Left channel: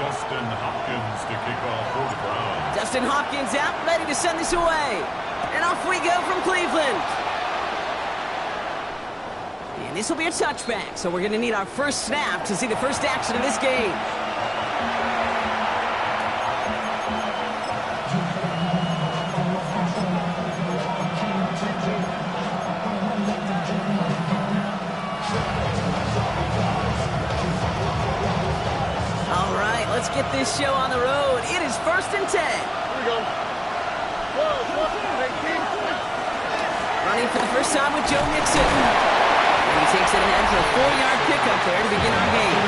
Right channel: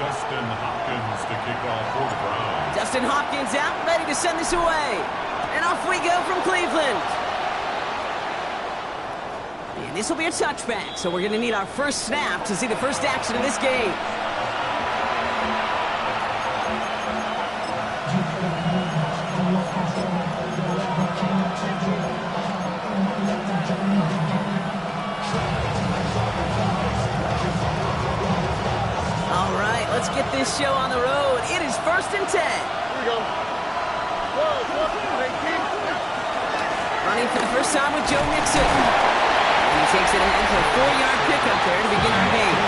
Dustin Hopkins to kick off for the Browns. Dustin Hopkins out, ready to send this away. And off we go from Cleveland. And this will be a touchback, so we're going to need our first snap to see the first action of this game. All right, let's get this show on the road. It is 1st and 10. Here we go. Running for the first time with Joe Mixon. And he takes it ahead for a 4-yard pickup there to begin our game.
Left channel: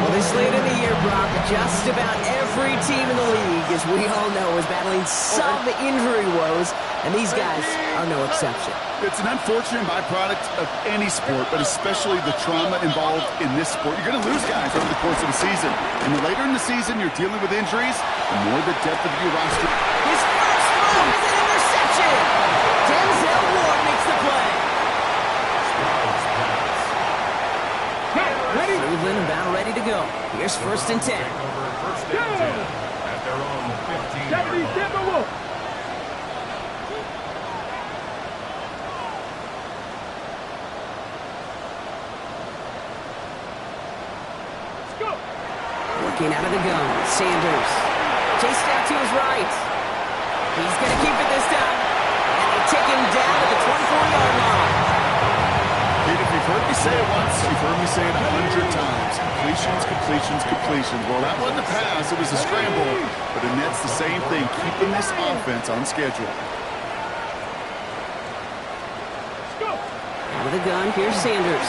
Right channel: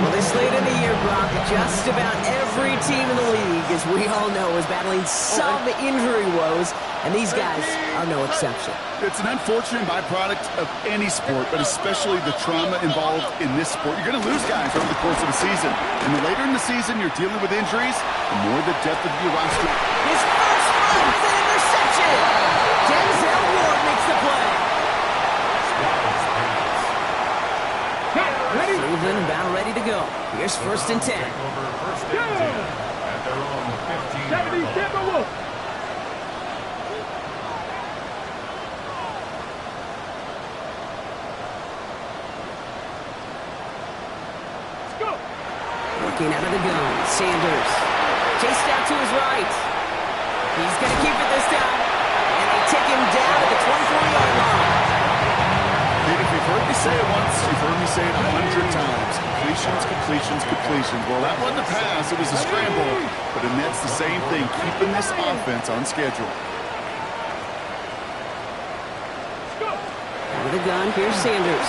Well, this late in the year, Brock, just about every team in the league, as we all know, is battling some injury woes, and these guys are no exception. It's an unfortunate byproduct of any sport, but especially the trauma involved in this sport. You're going to lose guys over the course of the season. And the later in the season you're dealing with injuries, the more the depth of your roster. His first throw is an interception. Denzel Ward makes the play. Cleveland about ready to go. Here's 1st and 10. Take over 1st and 10 at their own 15-yard line. Working out of the gun, Sanders. Chased out to his right. He's going to keep it this time. And they take him down at the 24-yard line. Pete, if you've heard me say it once, you've heard me say it 100 times. Completions, completions, completions. Well, that wasn't a pass. It was a scramble. But it nets the same thing, keeping this offense on schedule. Out of the gun, here's Sanders.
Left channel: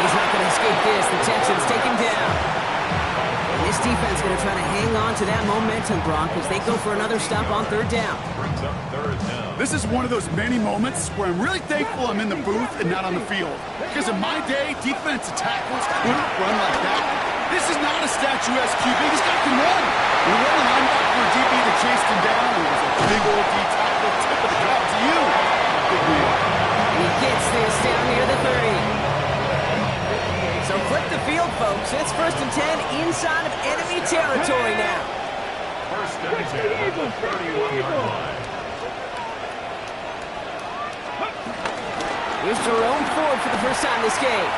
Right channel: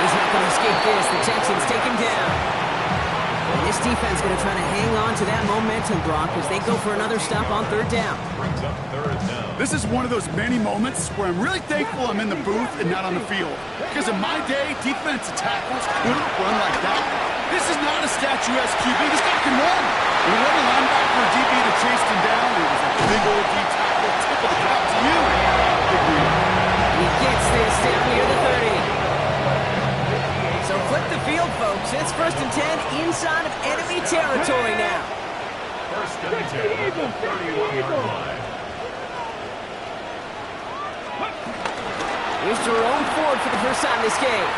He's not going to escape this. The Texans take him down. And this defense going to try to hang on to that momentum, Brock, as they go for another stop on 3rd down. Brings up 3rd down. This is one of those many moments where I'm really thankful I'm in the booth and not on the field. Because in my day, defensive tackles couldn't run like that. This is not a statuesque QB. This guy can run. When it wasn't a linebacker or DB that chased him down, it was a big old D tackle. Tip of the cap to you. Big wheel. He gets this down near the 30. So flip the field, folks. It's 1st and 10 inside of enemy territory now. 1st and 10 at the 31-yard line. Here's Jerome Ford for the first time this game.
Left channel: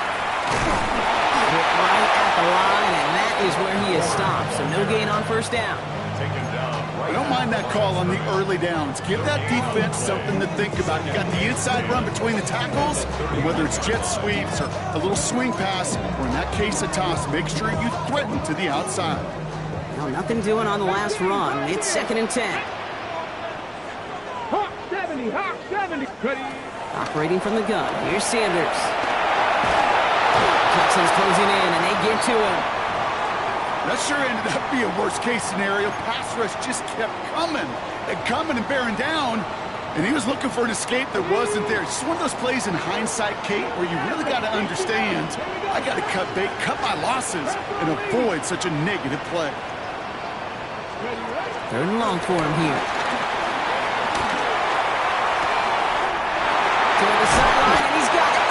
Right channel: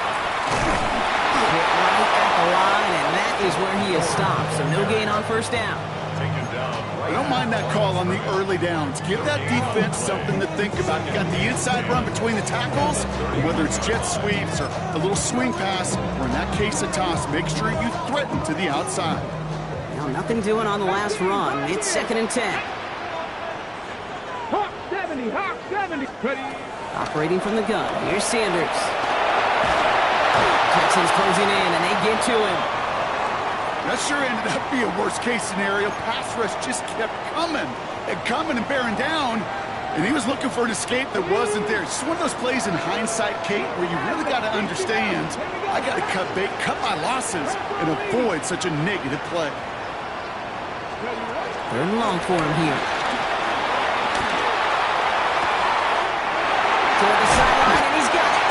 Hit right at the line, and that is where he is stopped. So no gain on 1st down. Taken down right. I don't mind that call on the early downs. Give that defense something to think about. You got the inside run between the tackles, and whether it's jet sweeps or a little swing pass, or in that case a toss, make sure you threaten to the outside. Well, nothing doing on the last run. It's 2nd and 10. Hawk 70, Hawk 70. Ready. Operating from the gun. Here's Sanders. Texans closing in, and they get to him. That sure ended up being a worst-case scenario. Pass rush just kept coming and bearing down, and he was looking for an escape that wasn't there. It's just one of those plays in hindsight, Kate, where you really got to understand, I got to cut bait, cut my losses, and avoid such a negative play. 3rd and long for him here. Toward the sideline, and he's got it.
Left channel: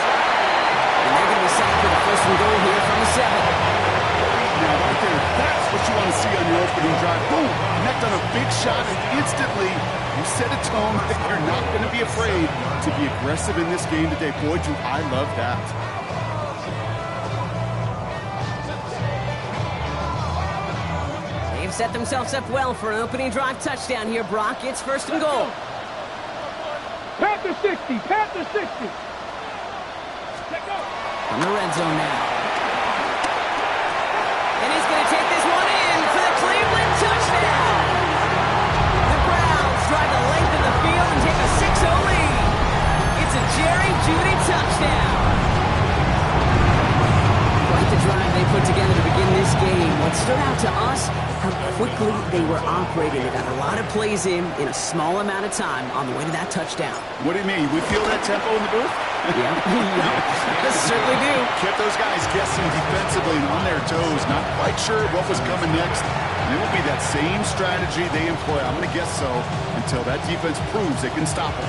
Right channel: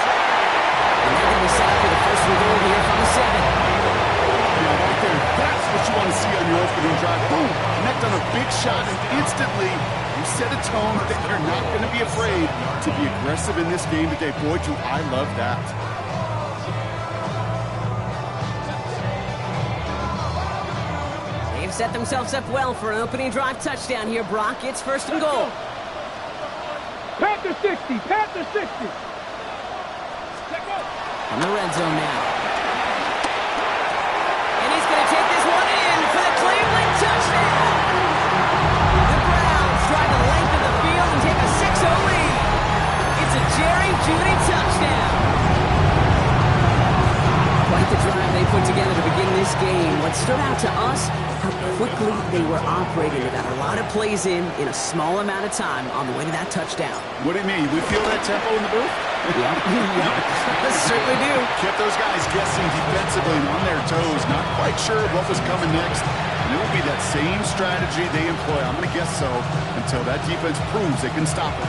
And they're going to be set up for the 1st and goal here from the 7. Now, right there, that's what you want to see on your opening drive. Boom! Connect on a big shot, and instantly you set a tone that you're not going to be afraid to be aggressive in this game today. Boy, do I love that. They've set themselves up well for an opening drive touchdown here, Brock. It's 1st and goal. Panther 60, Panther 60. From the red zone now. And he's going to take this one in for the Cleveland touchdown. The Browns drive the length of the field and take a 6-0 lead. It's a Jerry Jeudy touchdown. Quite the drive they put together to begin this game. What stood out to us, how quickly they were operating. They got a lot of plays in a small amount of time on the way to that touchdown. What do you mean? We feel that tempo in the booth? Yep. Certainly do. Kept those guys guessing defensively and on their toes, not quite sure what was coming next. And it will be that same strategy they employ, I'm going to guess so, until that defense proves they can stop it.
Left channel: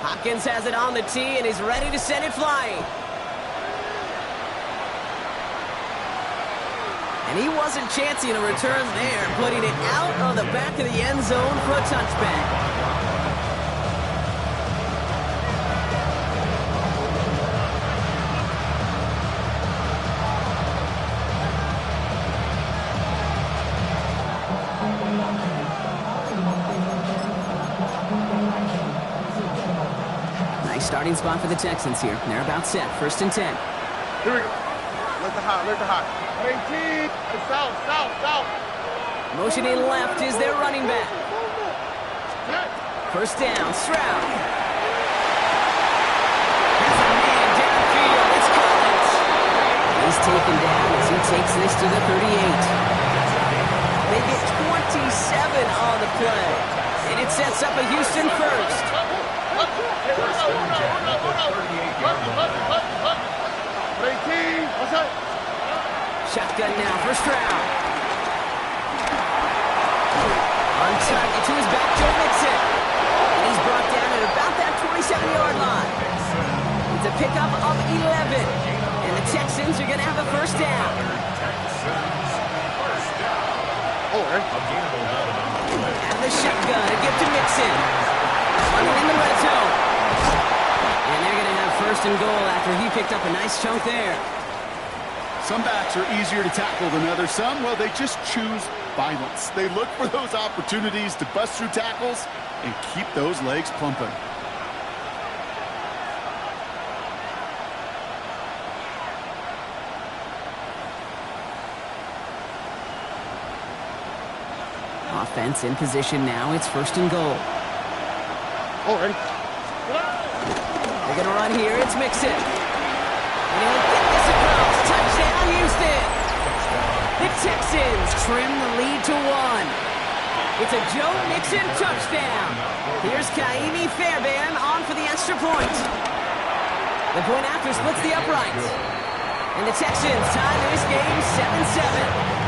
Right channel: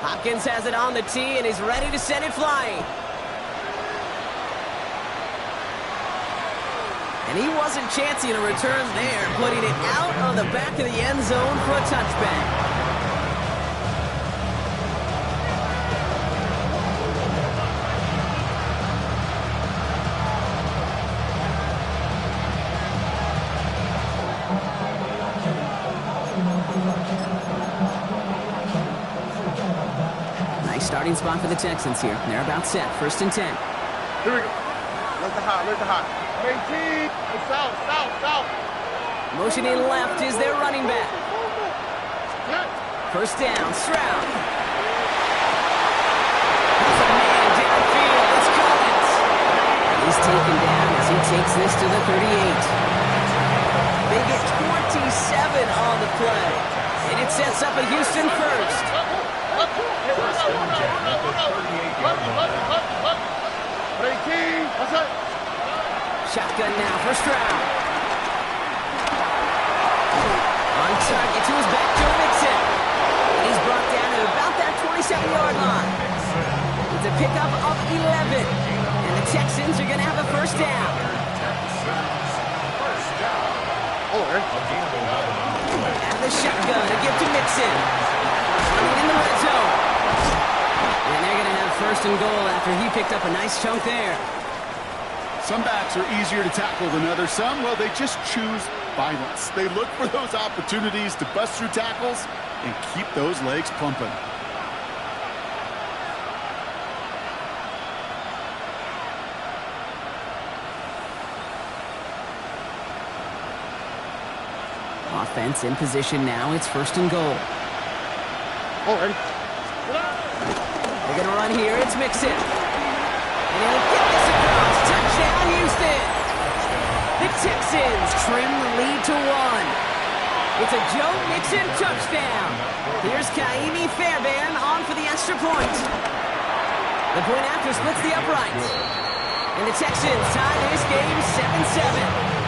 Hopkins has it on the tee, and he's ready to send it flying. And he wasn't chancing a return there, putting it out of the back of the end zone for a touchback. Nice starting spot for the Texans here. They're about set. 1st and 10. Here we go. Let the hot. 18. South. Motioning left is their running back. 1st down, Stroud. Has a man downfield. It's Collins. He's taken down as he takes this to the 38. They get 27 on the play. And it sets up a Houston first. Shotgun now for Stroud. On target to his back, Joe Mixon. And he's brought down at about that 27-yard line. It's a pickup of 11. And the Texans are going to have a 1st down. And the shotgun, a gift to Mixon. Running in the red zone. And they're going to have 1st and goal after he picked up a nice chunk there. Some backs are easier to tackle than others. Some, well, they just choose violence. They look for those opportunities to bust through tackles and keep those legs pumping. Offense in position now. It's 1st and goal. Already. They're going to run here. It's Mixon. And he'll get this across. Touchdown, Houston. The Texans trim the lead to 1. It's a Joe Mixon touchdown. Here's Kaimi Fairbairn on for the extra point. The point after splits the uprights. And the Texans tie this game 7-7.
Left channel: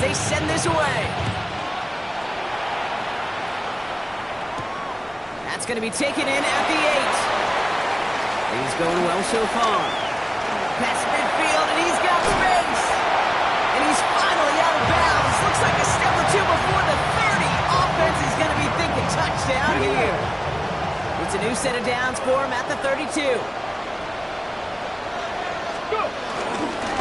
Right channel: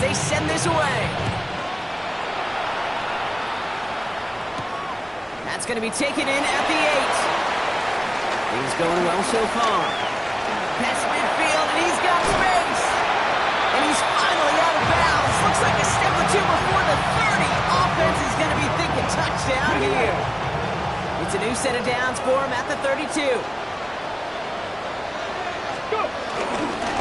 They send this away. That's going to be taken in at the 8. Things going well so far. Past midfield, and he's got space. And he's finally out of bounds. Looks like a step or two before the 30. Offense is going to be thinking touchdown here. It's a new set of downs for him at the 32.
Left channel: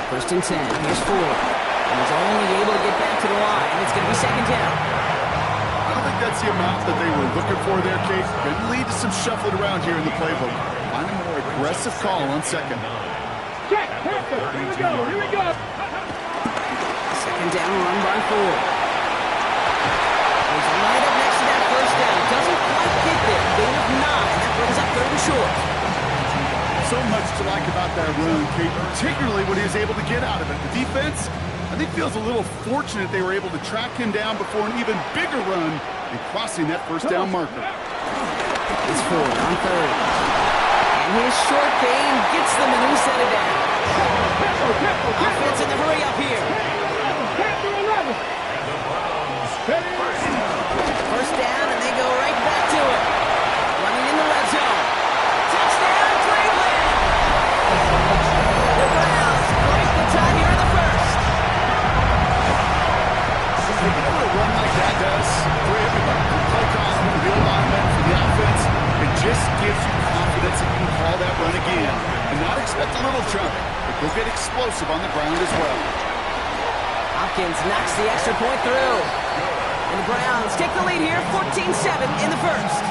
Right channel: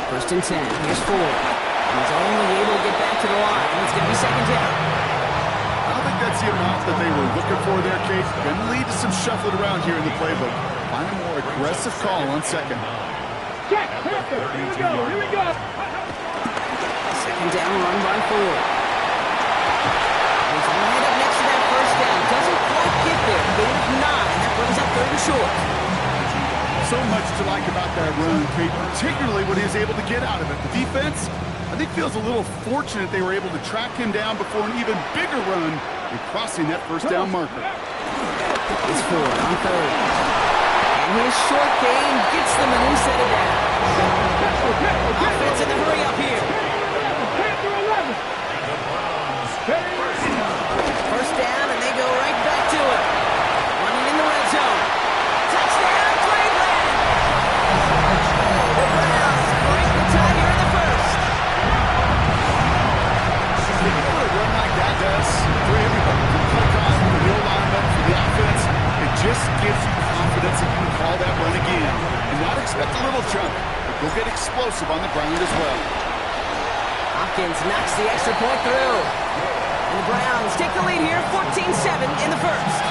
1st and 10. Here's Ford. And he's only able to get back to the line. It's going to be 2nd down. I don't think that's the amount that they were looking for there, Kate. Going to lead to some shuffling around here in the playbook. Find a more aggressive call on 2nd. Check, Panther. Here we go. 2nd down run by Ford. He's right up next to that 1st down. Doesn't quite get there. Gain of 9. That brings up 3rd and short. So much to like about that run, Kate, particularly what he was able to get out of it. The defense, I think, feels a little fortunate they were able to track him down before an even bigger run and crossing that 1st down marker. It's Ford on 3rd. And his short game gets them a new set of downs. Offense in the hurry up here. 1st down, and they go right back to it. Running in the red zone. Touchdown, Cleveland! The Browns break the tie here in the 1st. You know what a run like that does for everybody? For the play call, for the alignment, for the offense, it just gives you confidence that you can call that run again. And not expect a little jump, but go get explosive on the ground as well. Hopkins knocks the extra point through. And the Browns take the lead here, 14-7 in the 1st.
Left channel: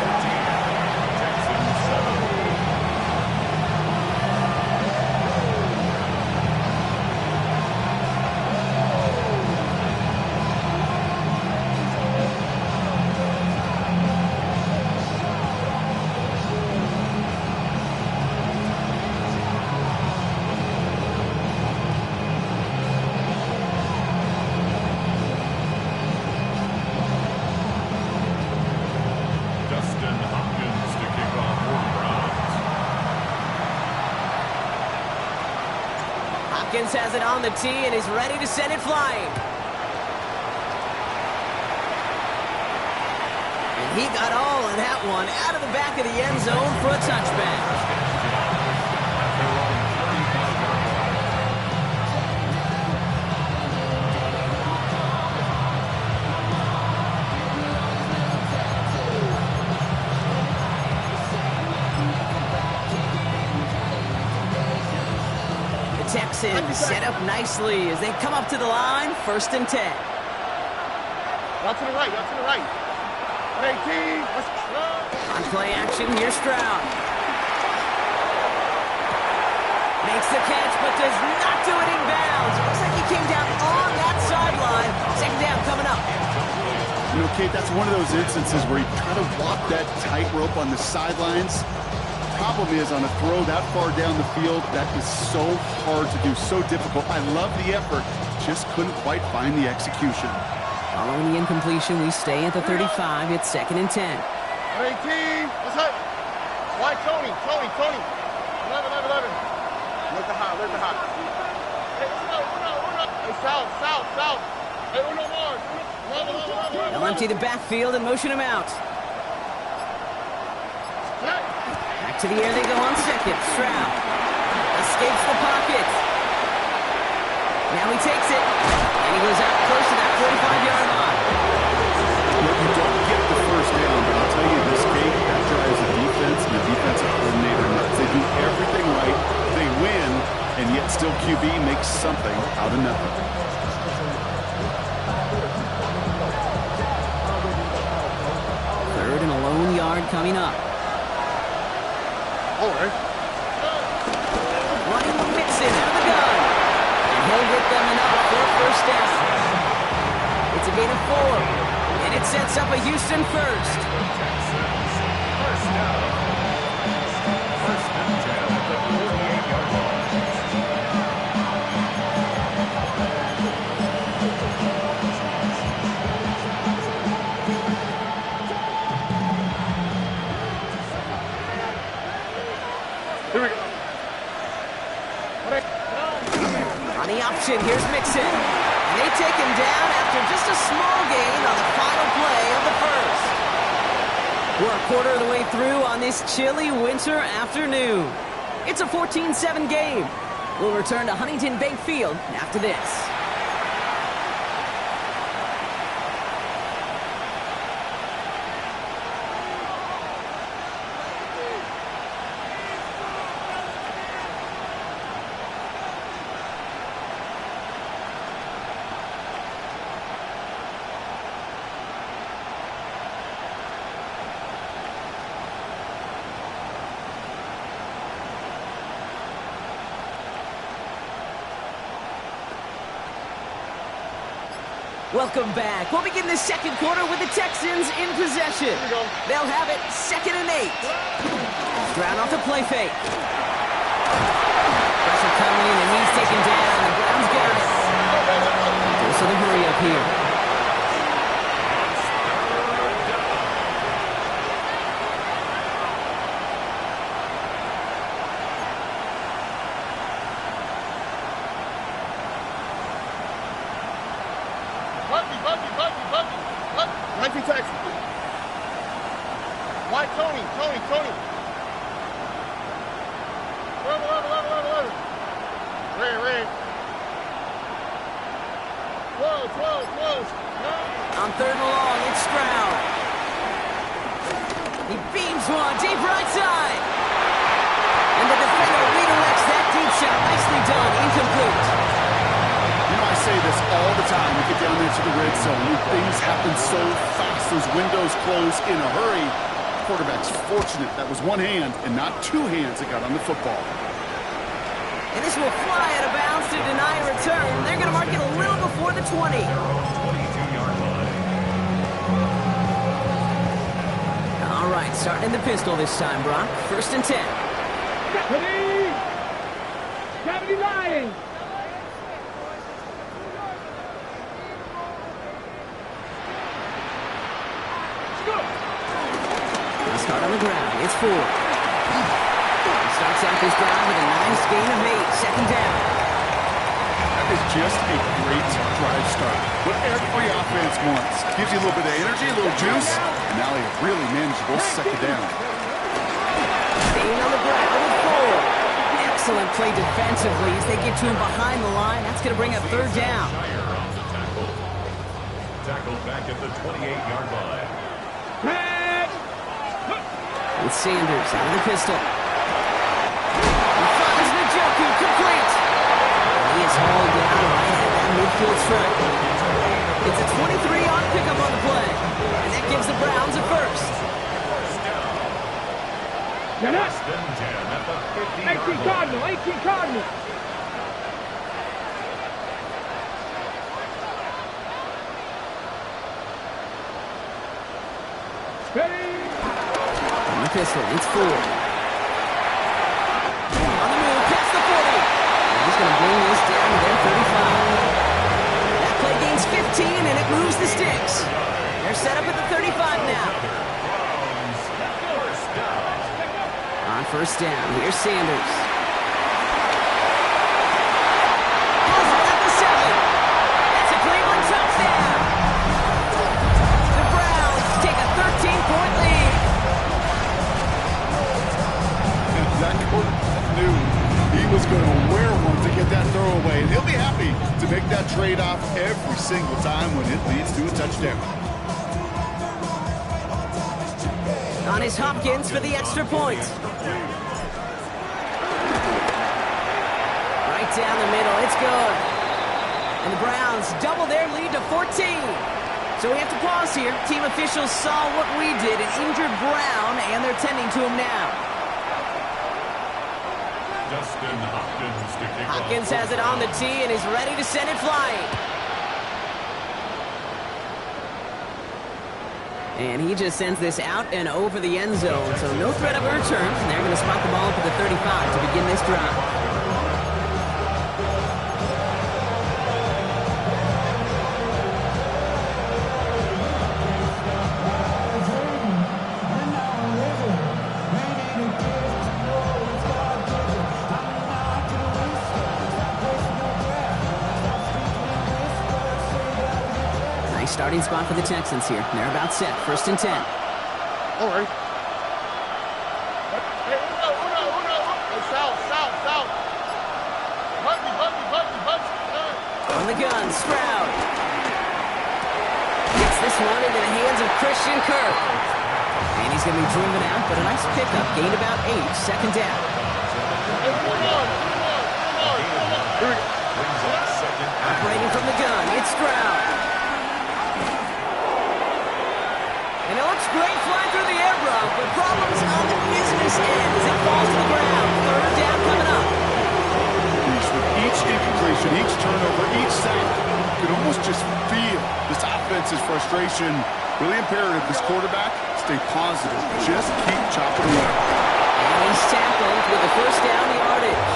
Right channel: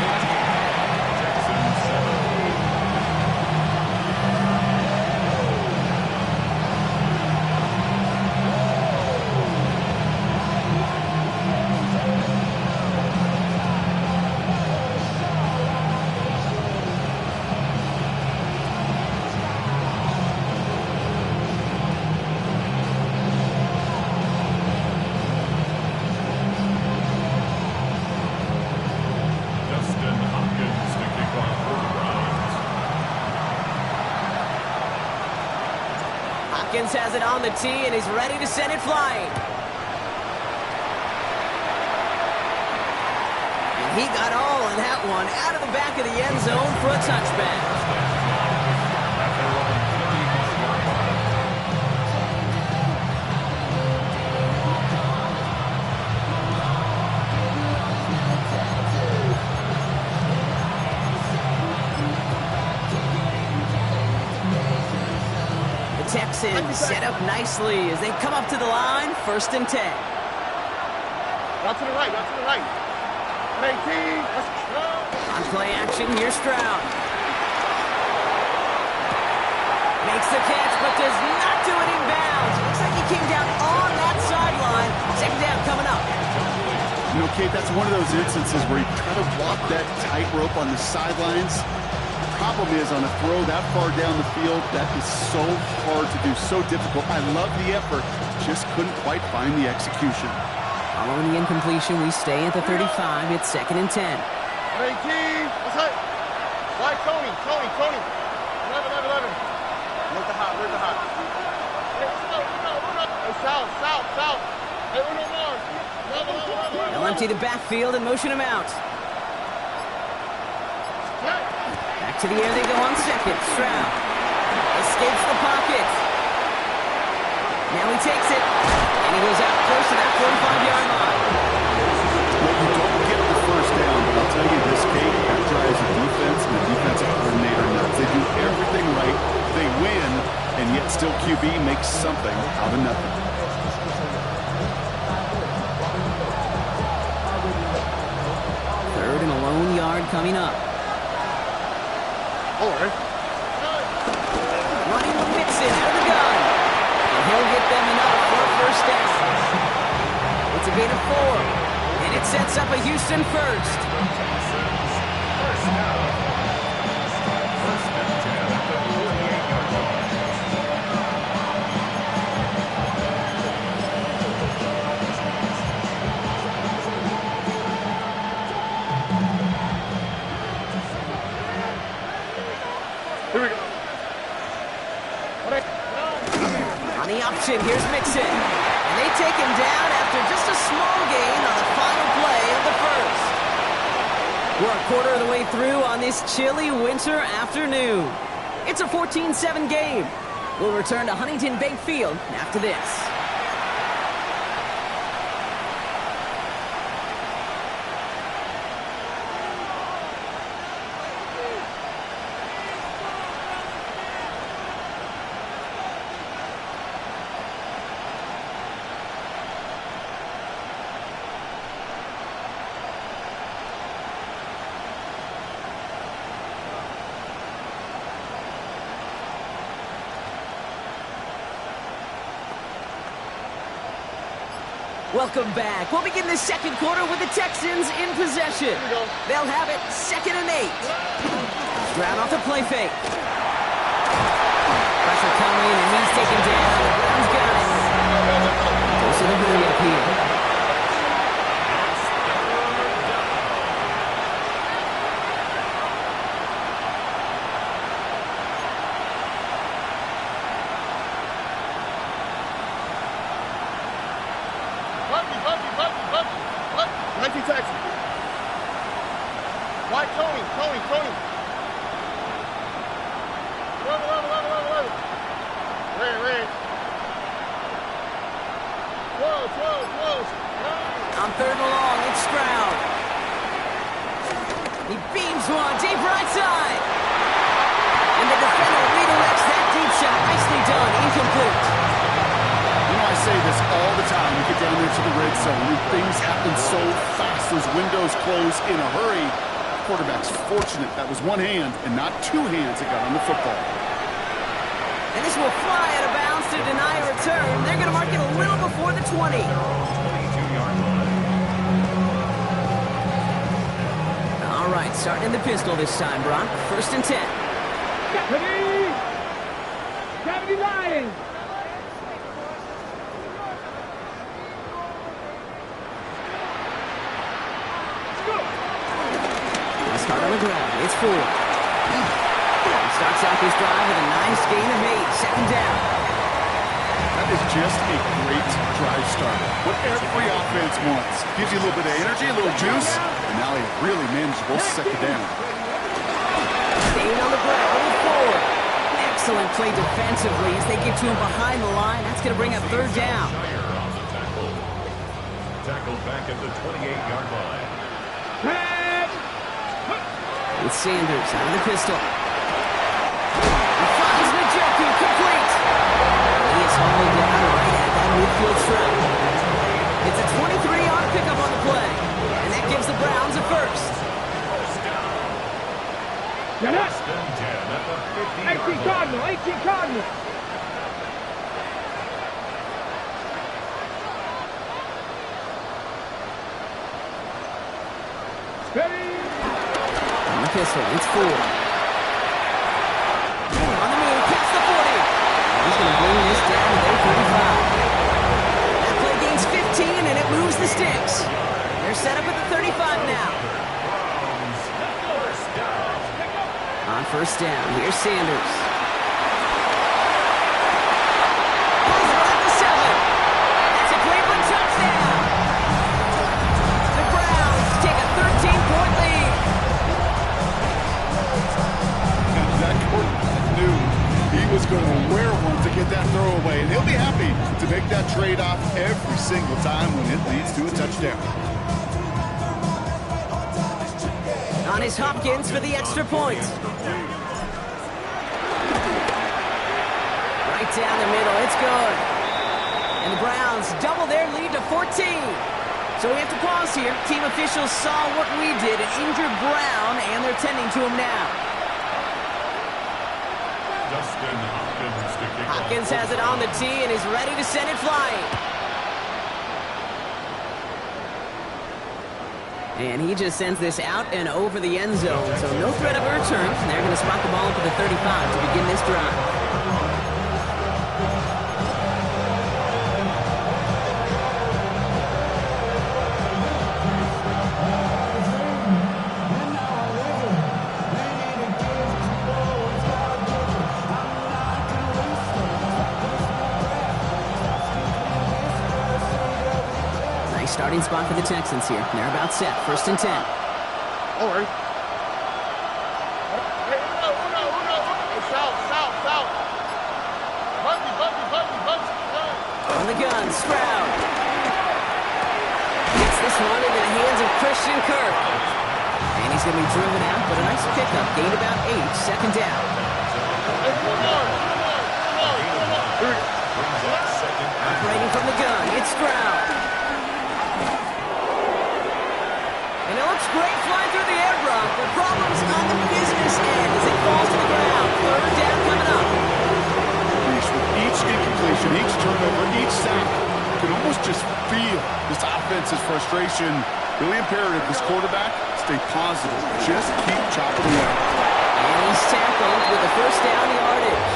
Hopkins has it on the tee and is ready to send it flying. And he got all of that one out of the back of the end zone for a touchback. Texans set up nicely as they come up to the line, 1st and 10. Y'all to the right, y'all to the right. 18, let's go. On play action, here's Stroud. Makes the catch, but does not do it in bounds. Looks like he came down on that sideline. 2nd down coming up. You know, Kate, that's one of those instances where you try to walk that tightrope on the sidelines. Problem is, on a throw that far down the field, that is so hard to do, so difficult. I love the effort, just couldn't quite find the execution. Following the incompletion, we stay at the 35. It's 2nd and 10. 18, what's up? Why Tony? 11. Look the hot, Hey, Uno. Hey, south. Hey, Uno Mars. Level. They'll empty the backfield and motion him out. Back to the air they go on 2nd. Stroud escapes the pocket. Now he takes it, and he goes out close to that 45-yard line. Well, you don't get the 1st down, but I'll tell you this, Kate, that drives a defense and a defensive coordinator nuts. They do everything right, they win, and yet still QB makes something out of nothing. Third and a lone yard coming up. Running with Mixon out of the gun. And he'll get them enough for a 1st down. It's a gain of 4. And it sets up a Houston 1st. First down. 1st and 10 at the 48-yard line. Here we go. On the option, here's Mixon. And they take him down after just a small gain on the final play of the 1st. We're a quarter of the way through on this chilly winter afternoon. It's a 14-7 game. We'll return to Huntington Bank Field after this. Welcome back. We'll begin the 2nd quarter with the Texans in possession. They'll have it 2nd and 8. Stroud off the play fake. Pressure coming and he's taken down. The Browns got it. Goes to the hurry up here. Bucky. 19 Texas. Why Tony? 11. Red. 12. On 3rd and long, it's Stroud. He beams one deep right side. And the defender redirects that deep shot. Nicely done. Incomplete. You know, I say this all the time. You get down there to the red zone, and things happen so fast. Those windows close in a hurry. Quarterback's fortunate that was one hand and not 2 hands that got on the football. And this will fly out of bounds to deny a return. They're going to mark it a little before the 20. 22-yard line. All right, starting in the pistol this time, Brock. 1st and 10. Gravity Lions. Start on the ground. It's 4. He starts out this drive with a nice gain of 8. 2nd down. That is just a great drive start. What every offense wants. Gives you a little bit of energy, a little juice, and now a really manageable second down. Staying on the ground, moving forward. Excellent play defensively as they get to him behind the line. That's going to bring up third down. Tackle back at the 28-yard line. With Sanders out of the pistol. He finds Njoku complete. He is hauled down right at that midfield stripe. It's a 23-yard pickup on the play. And that gives the Browns a first. Less than 10 at the 50-yard 18 Cardinal, 18 Cardinal. Ready? On the pistol, it's 4. On the move, past the 40. And he's going to bring this down to their 35. That play gains 15, and it moves the sticks. They're set up at the 35 now. On first down, here's Sanders. Pulls it at the 7. That's a Cleveland touchdown. The Browns take a 13-point lead. That quarterback knew he was going to wear one to get that throwaway, and he'll be happy to make that trade-off every single time when it leads to a touchdown. On his Hopkins for the extra point. Right down the middle, it's good. And the Browns double their lead to 14. So we have to pause here. Team officials saw what we did, an injured Brown, and they're tending to him now. Dustin Hopkins to kick Hopkins off. has it on the tee and is ready to send it flying. And he just sends this out and over the end zone, so no threat of a return. And they're going to spot the ball up at the 35 to begin this drive. Starting spot for the Texans here. They're about set. First and 10. All right. Hey, uno. Hey, south. Buddy. On the gun, Stroud. Gets this one into the hands of Christian Kirk. And he's going to be driven out, but a nice pickup. Gained about 8. Second down. Hey, one more. Operating from the gun, it's Stroud. And it looks great flying through the air, Brock, but problems on the business end as it falls to the ground. Third down coming up. With each incompletion, each turnover, each sack, you can almost just feel this offense's frustration. Really imperative, this quarterback, stay positive. Just keep chopping away. And he's tackled with a first down yardage.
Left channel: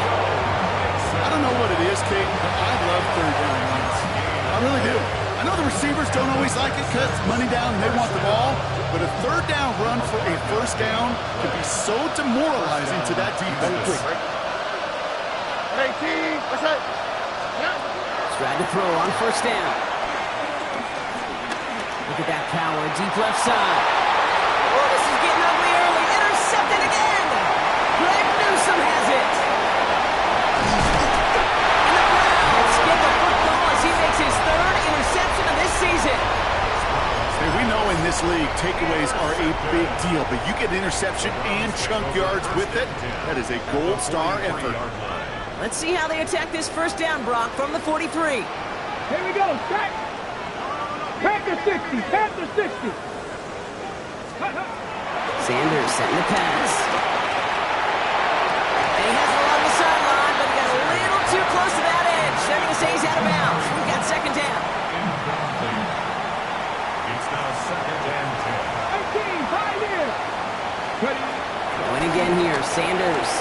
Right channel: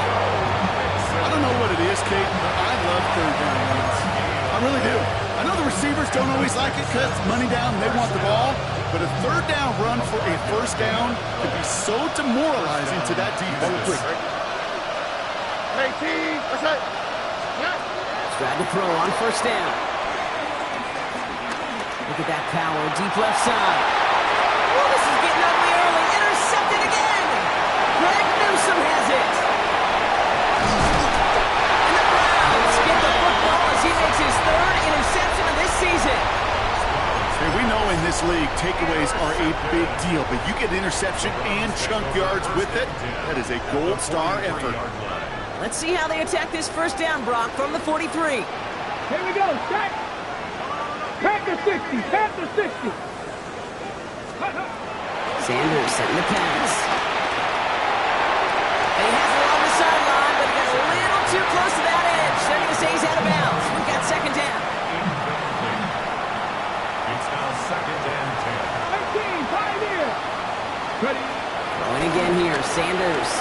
I don't know what it is, Kate, but I love third down runs. I really do. I know the receivers don't always like it because money down, they want the ball, but a third down run for a first down can be so demoralizing to that defense. 18. What's that? Yeah. Tried to throw on first down. Look at that power, deep left side. Oh, this is getting ugly early. Intercepted again. Greg Newsome has it. And the Browns get the football as he makes his third interception of this season. Hey, we know in this league, takeaways are a big deal, but you get interception and chunk yards with it. That is a gold star effort. Let's see how they attack this first down, Brock, from the 43. Here we go, set. Panther 60, Panther 60. Sanders setting the pass. And he has it along the sideline, but he got a little too close to that edge. They're going to say he's out of bounds. We've got second down. Incomplete. It's now second and 10. 18, Pioneer. Ready. Throwing again here, Sanders.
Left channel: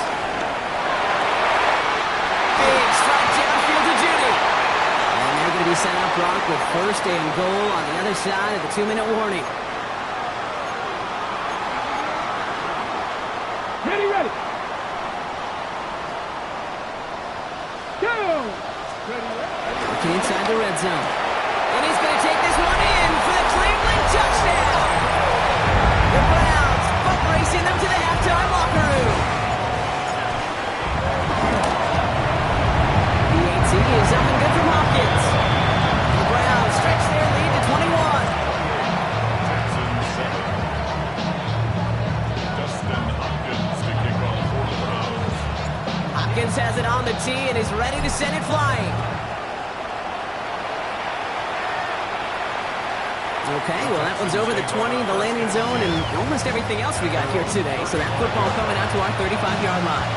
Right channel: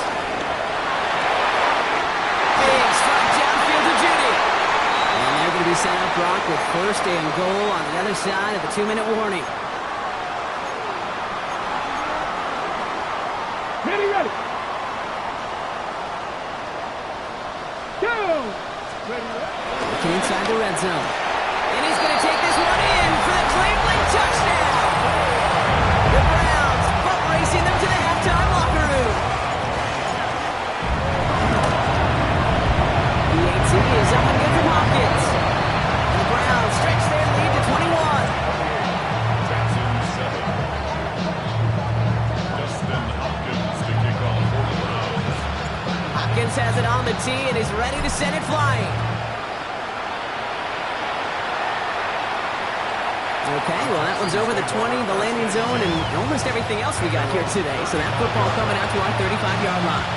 Big strike downfield to Judy. And they're going to be set up, Brock, with first and goal on the other side of the 2-minute warning. Ready. Go. Ready. Working inside the red zone. And he's going to take this one in for the Cleveland touchdown. The Browns butt racing them to the halftime locker room. The AT is up and good from Hopkins. And the Browns stretch their lead to 21. Texans 7. Justin Hopkins to kick off for the Browns. Hopkins has it on the tee and is ready to send it flying. Okay, well, that one's over the 20, the landing zone, and almost everything else we got here today. So that football coming out to our 35-yard line.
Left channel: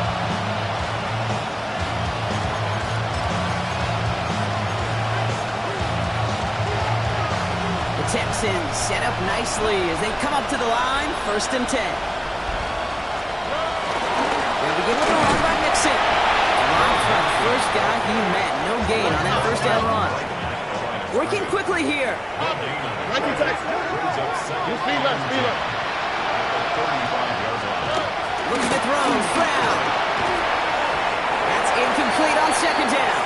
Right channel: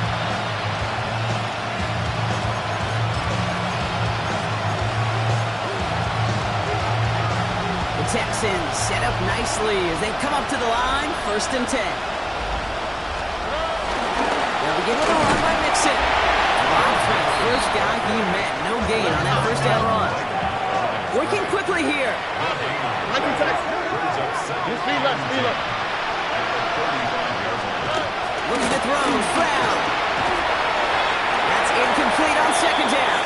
The Texans set up nicely as they come up to the line, 1st and 10. They'll begin with a run by Mixon. Dropped by the first guy he met. No gain on that first down run. Working quickly here. Speed left, speed left. Looking to throw. Brown. That's incomplete on 2nd down.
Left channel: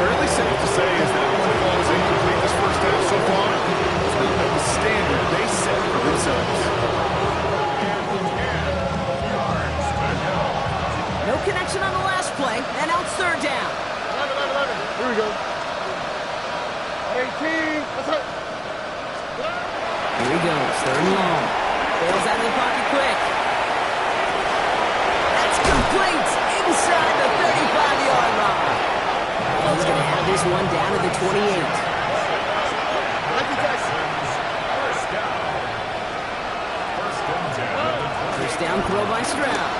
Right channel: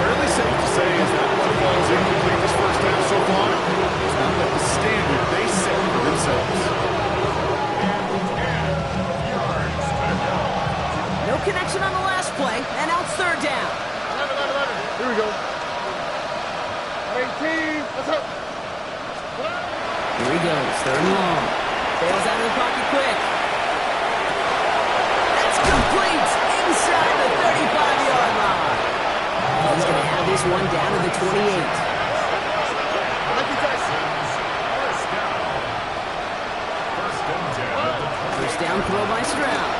Fairly safe to say as that one falls incomplete this first half so far. It's not like the standard they set for themselves. No connection on the last play, and now it's 3rd down. 11. Here we go. 18. Let's go. Here he goes, 3rd and long. Bails out of the pocket quick. That's complete inside the 35-yard line. He's going to have this one down to the 28. First down throw by Stroud.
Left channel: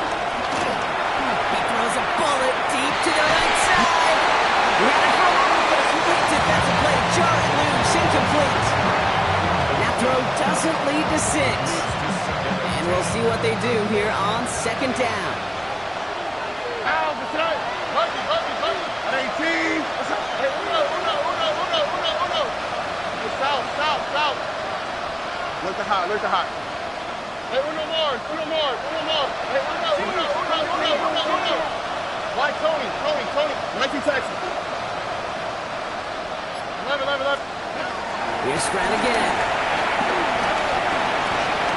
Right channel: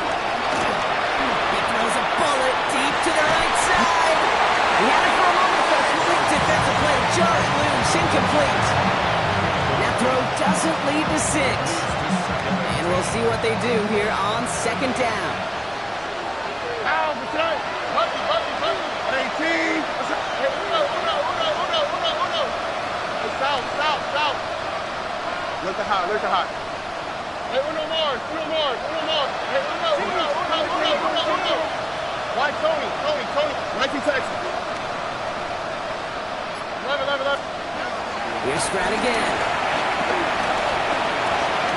He throws a bullet deep to the right side. He had it for a moment, but a complete defensive play to jar it loose, incomplete. That throw doesn't lead to 6. And we'll see what they do here on 2nd down. Ow, beside. Bucky. At 18. Hey, uno. Hey, south. Look to hot. Hey, uno more. Hey, uno. Why Tony? 19 Texans. 11. Here's Stroud again.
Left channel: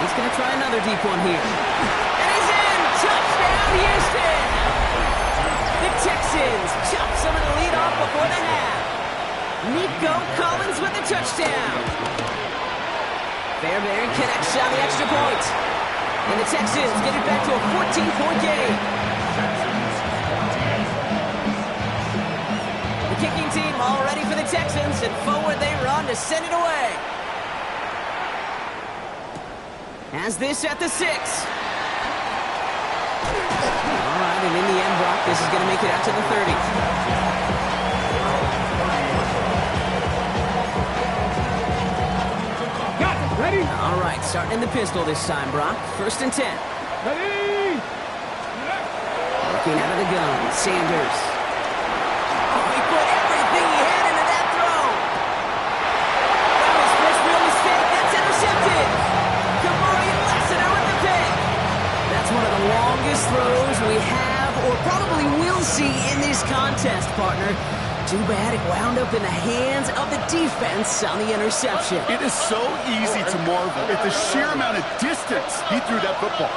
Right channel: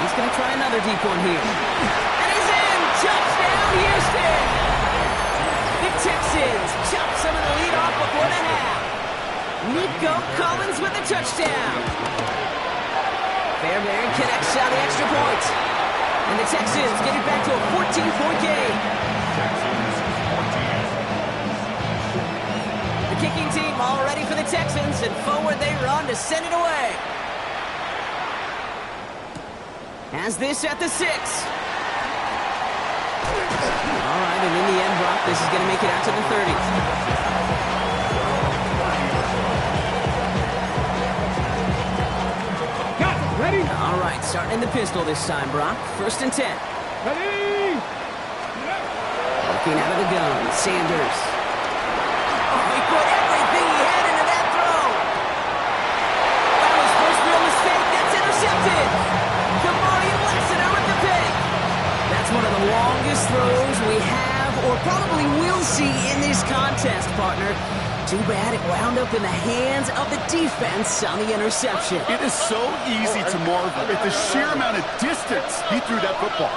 He's going to try another deep one here. And he's in! Touchdown, Houston! The Texans chop some of the lead off before the half. Nico Collins with the touchdown. Fairbairn connects on the extra point. And the Texans get it back to a 14-point game. Texans 14. The kicking team all ready for the Texans, and forward they run to send it away. Has this at the 6. All right, and in the end, Brock, this is going to make it out to the 30. Got it. Ready? All right, starting in the pistol this time, Brock. 1st and 10. Ready? Working out of the gun, Sanders. Oh, he put everything he had into that throw. That was first real mistake. That's intercepted. Kamari Lassiter with the pick. That's one of the longest throws we have or probably will see in this contest, partner. Too bad it wound up in the hands of the defense on the interception. It is so easy to marvel at the sheer amount of distance he threw that football.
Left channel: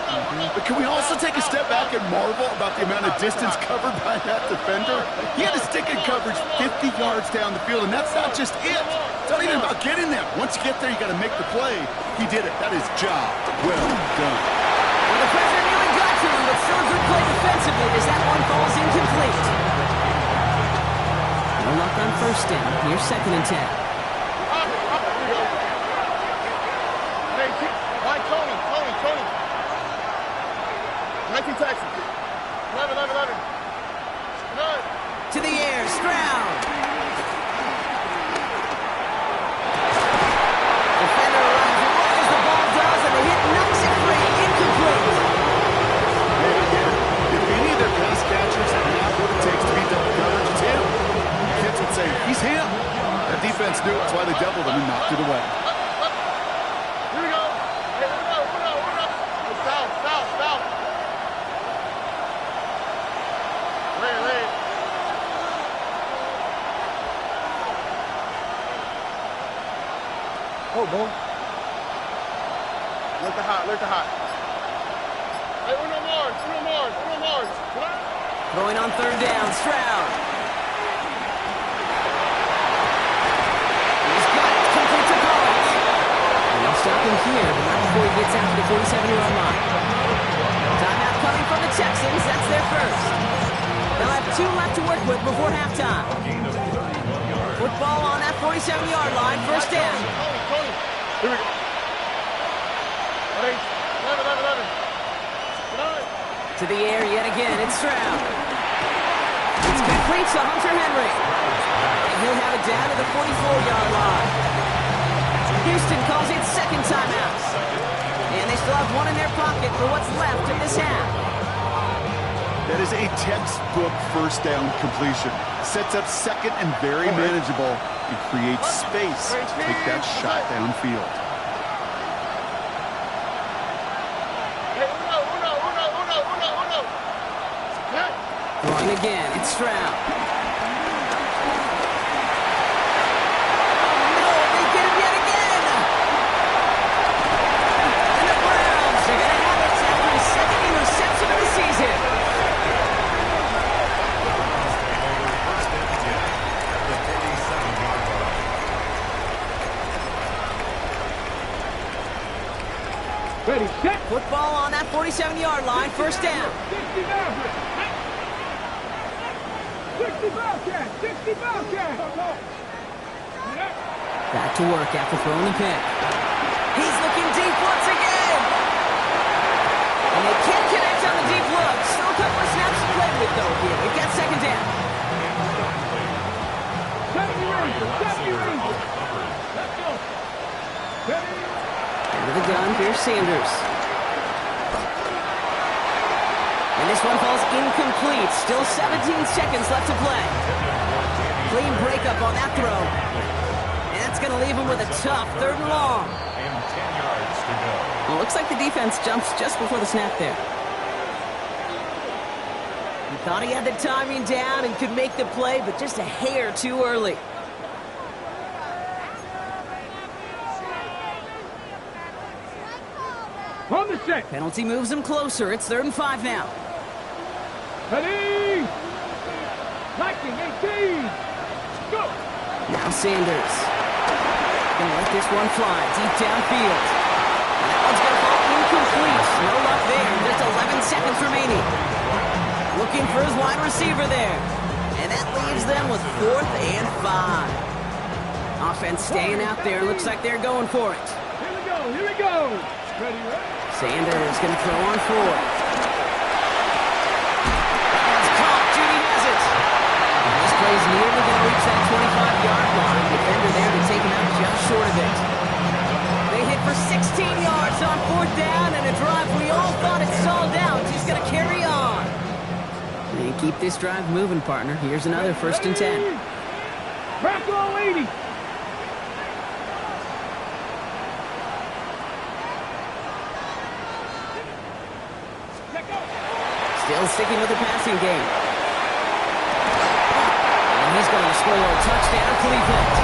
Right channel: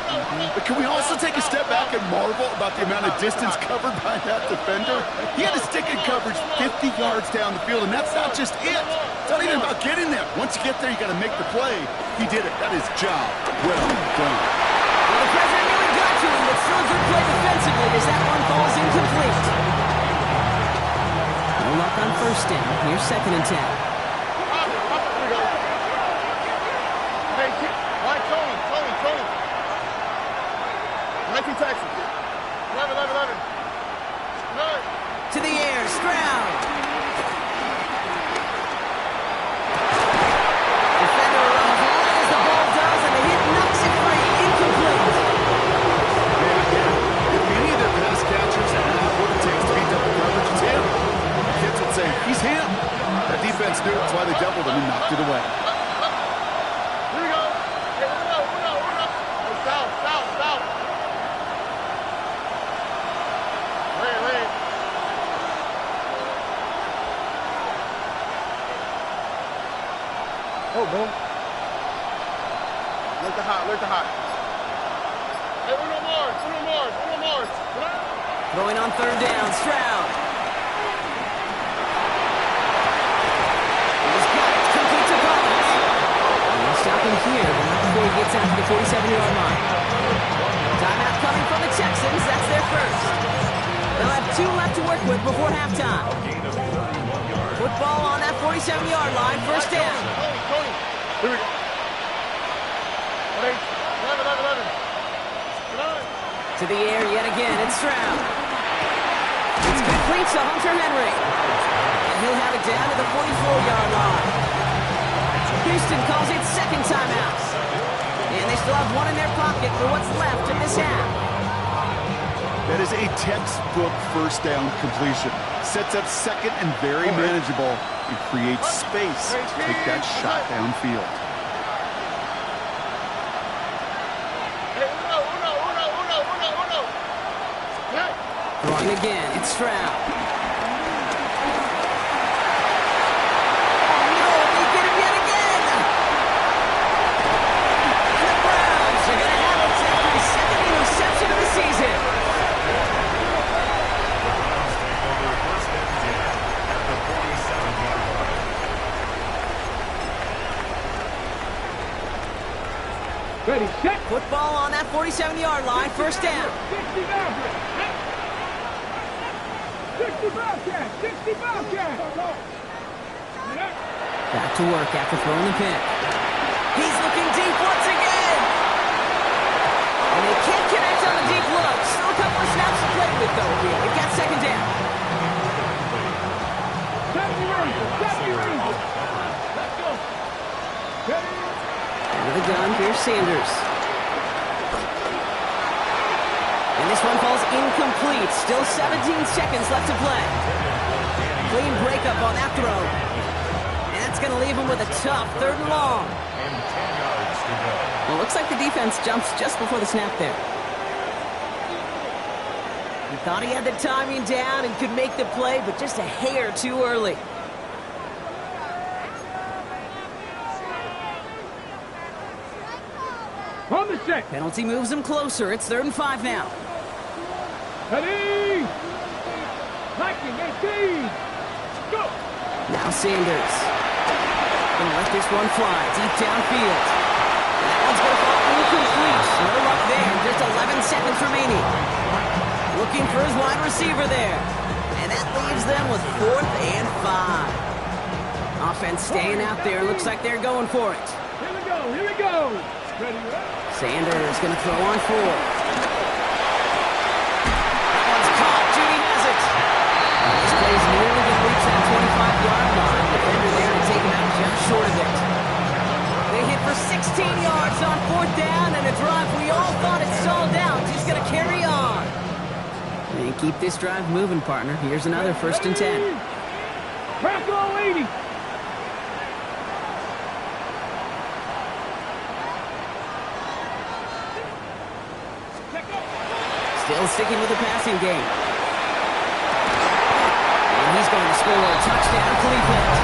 But can we also take a step back and marvel about the amount of distance covered by that defender? He had to stick in coverage 50 yards down the field, and that's not just it. It's not even about getting there. Once you get there, you got to make the play. He did it. That is job well done. Well, the pressure nearly got to him, but still a good play defensively as that one falls incomplete. No luck on 1st down. Here's 2nd and 10. Here we go. Hey, why Tony? 19 Texans. 11. Good. To the air, Stroud. Defender arrives right as the ball does, and the hit knocks it free. Incomplete. Hey, I get it. If any of their pass catchers have what it takes to beat double coverage, it's him. Kids would say, he's him. That defense knew it. That's why they doubled him and knocked it away. Here we go. Hey, uno. Hey, south. Ray. Go, Bo. Look the hot, look the hot. Hey, uno more. Throwing on third down, Stroud. He's got it, complete to Collins. And they'll stop him here, but not before he gets out to the 47-yard line. Timeout coming from the Texans, that's their first. They'll have 2 left to work with before halftime. Football on that 47-yard line, first down. Tony. Here we go. 11. To the air yet again, it's Stroud. It's complete to Hunter Henry. And he'll have it down to the 44-yard line. Houston calls it second timeout. And they still have 1 in their pocket for what's left of this half. That is a textbook first down completion. Sets up second and very manageable and creates space to take that shot downfield. Throwing again, it's Stroud. No, they get him yet again! And the Browns are going to have it after his second interception of the season. The Browns take over first and 10 at the 47-yard line. Ready, set. Football on that 47-yard line, first down. 60 Maverick. 60 Bobcat. 60 Bobcat. Back to work after throwing the pick. He's looking deep once again. And they can't connect on the deep look. Still a couple of snaps to play with, though, here. We've got second down. 70 Rangers. Let's go. Ready. Into the gun, here's Sanders. And this one falls incomplete. Still 17 seconds left to play. Clean breakup on that throw. And that's going to leave him with a tough 3rd and long. And 10 yards to go. Well, looks like the defense jumps just before the snap there. He thought he had the timing down and could make the play, but just a hair too early. On the set. Penalty moves him closer. It's 3rd and 5 now. Ready. Liking 18. Go. Now Sanders. Gonna let this one fly deep downfield. And that one's gonna fall incomplete. No luck there. Just 11 seconds remaining. Looking for his wide receiver there. And that leaves them with 4th and 5. Offense staying out there. Looks like they're going for it. Here we go. Here we go. Ready, ready. Sanders gonna throw on 4th. That one's caught. Judy has it. And this play's nearly gonna reach that 25-yard line. Defender there to take him out just short of it. They hit for 16 yards on 4th down, and a drive we all thought it stalled out. He's gonna carry on. And keep this drive moving, partner. Here's another 1st and 10. Bracco 80. Still sticking with the passing game. And he's going to score a touchdown, Cleveland.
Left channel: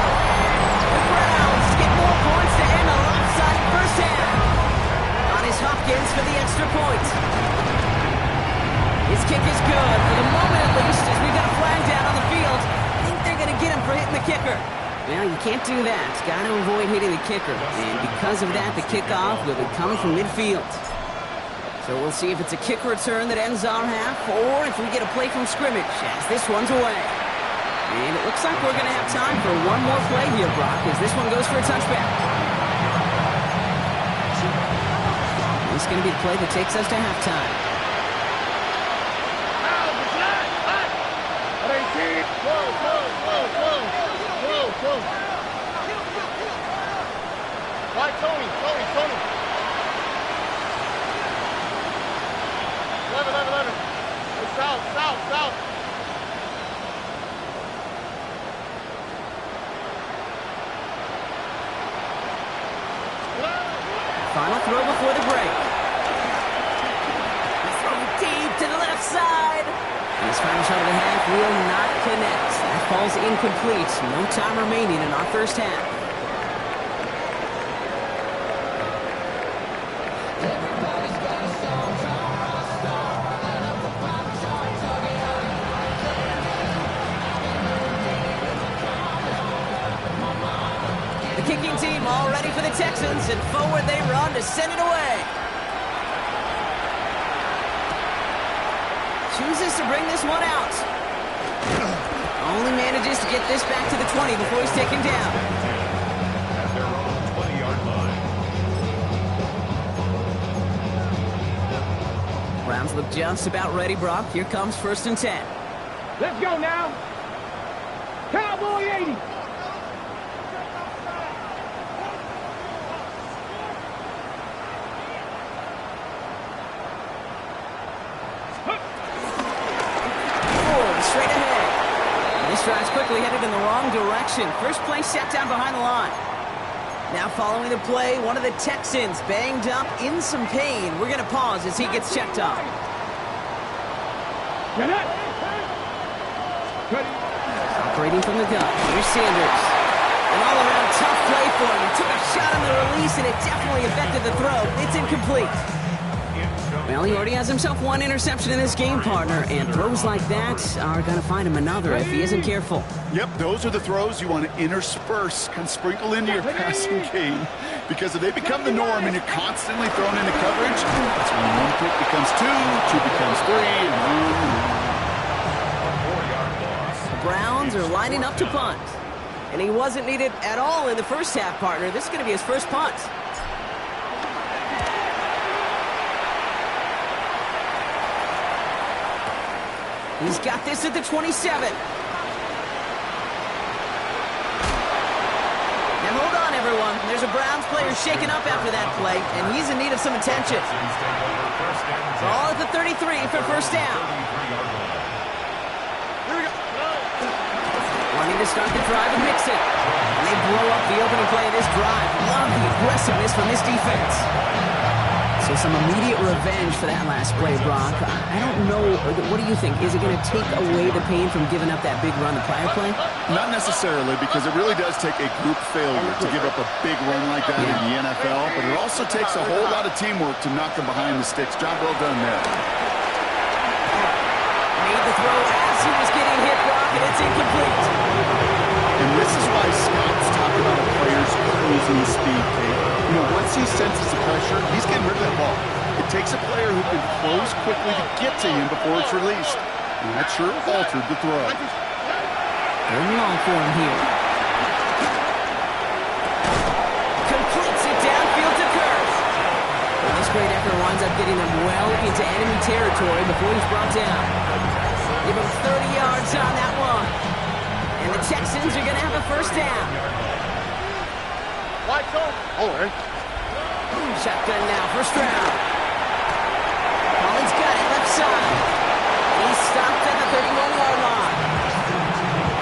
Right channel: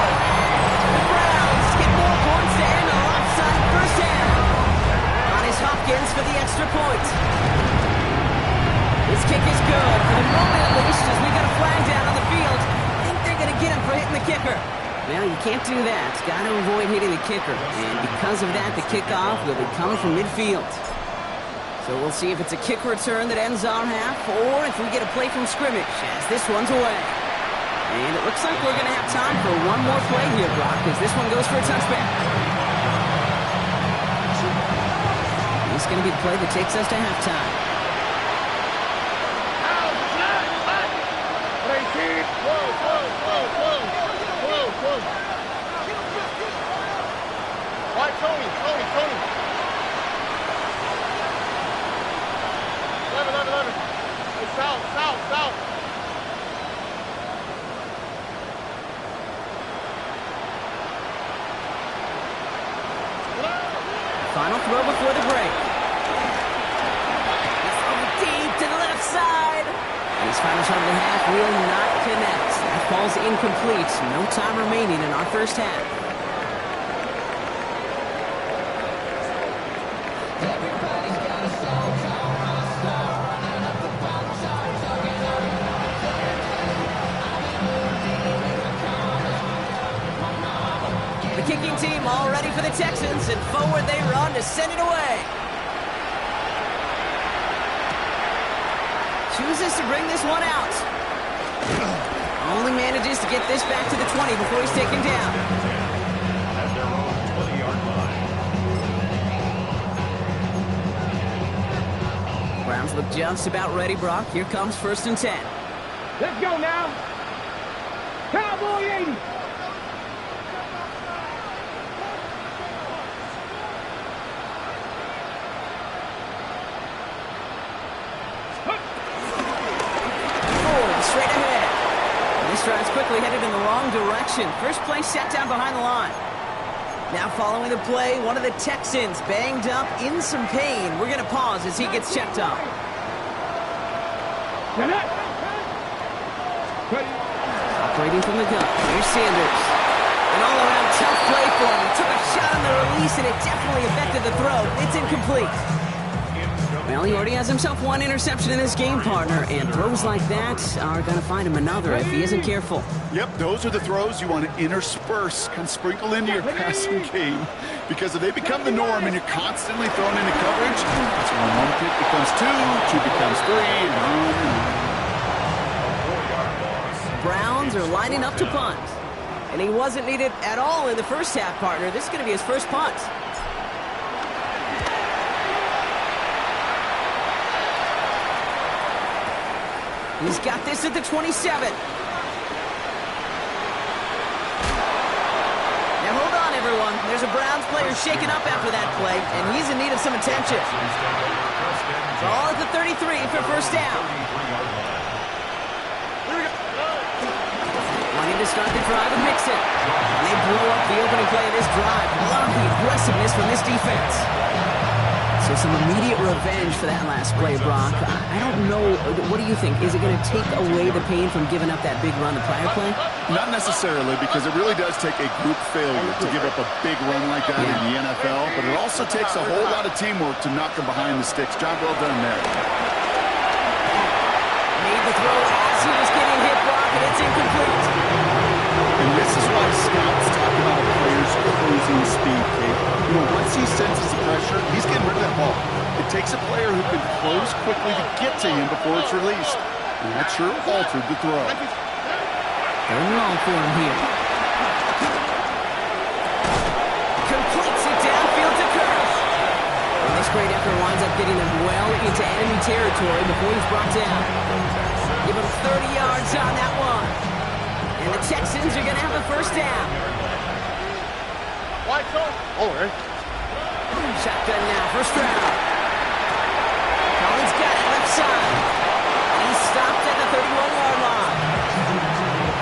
The Browns get more points to end a lopsided first half. On his Hopkins for the extra point. His kick is good, for the moment at least, as we got a flag down on the field. I think they're going to get him for hitting the kicker. Well, you can't do that. Got to avoid hitting the kicker. And because of that, the kickoff will be coming from midfield. So we'll see if it's a kick return that ends our half, or if we get a play from scrimmage, as this one's away. And it looks like we're going to have time for one more play here, Brock, as this one goes for a touchback. This is going to be the play that takes us to halftime. Right, Tony. 11. Hey, south. Final throw before the break. The throw deep to the left side. And his final shot of the half will not connect. That falls incomplete. No time remaining in our first half. kicking team all ready for the Texans, and forward they run to send it away. Chooses to bring this one out. Only manages to get this back to the 20 before he's taken down. At their own 20-yard line. Browns look just about ready, Brock. Here comes 1st and 10. Let's go now. Cowboy 80. Straight ahead. And this drive's quickly headed in the wrong direction. First play set down behind the line. Now following the play, one of the Texans banged up in some pain. We're going to pause as he gets checked on. Operating from the gun. Here's Sanders. An all-around tough play for him. He took a shot on the release, and it definitely affected the throw. It's incomplete. Well, he already has himself one interception in this game, partner, and throws like that are going to find him another if he isn't careful. Yep, those are the throws you want to intersperse, kind of sprinkle into your passing game, because if they become the norm and you're constantly thrown into coverage, that's when one pick becomes two becomes three, and on and on. A 4-yard loss. The Browns are lining up to punt, and he wasn't needed at all in the first half, partner. This is going to be his first punt. He's got this at the 27. Now hold on, everyone. There's a Browns player shaken up after that play, and he's in need of some attention. Ball at the 33 for first down. Wanting to start the drive with Mixon. And they blow up the opening play of this drive. Love the aggressiveness from this defense. So some immediate revenge for that last play, Brock. I don't know. What do you think? Is it going to take away the pain from giving up that big run the prior play? Not necessarily, because it really does take a group failure to give up a big run like that in the NFL, but it also takes a whole lot of teamwork to knock them behind the sticks. Job well done there. Made the throw as he was getting hit, Brock, and it's incomplete. And this is why scouts talk about a player's cruising speed, Kate. You know, once he senses the pressure, he's getting rid of that ball. It takes a player who can close quickly to get to him before it's released. And that sure altered the throw. Third and long for him here. Completes it downfield to Kirk. And this great effort winds up getting them well into enemy territory before he's brought down. Give him 30 yards on that one. And the Texans are going to have a first down. White zone. Oh, right. Shotgun now, first round. Collins got it left side. And he's stopped at the 31-yard line.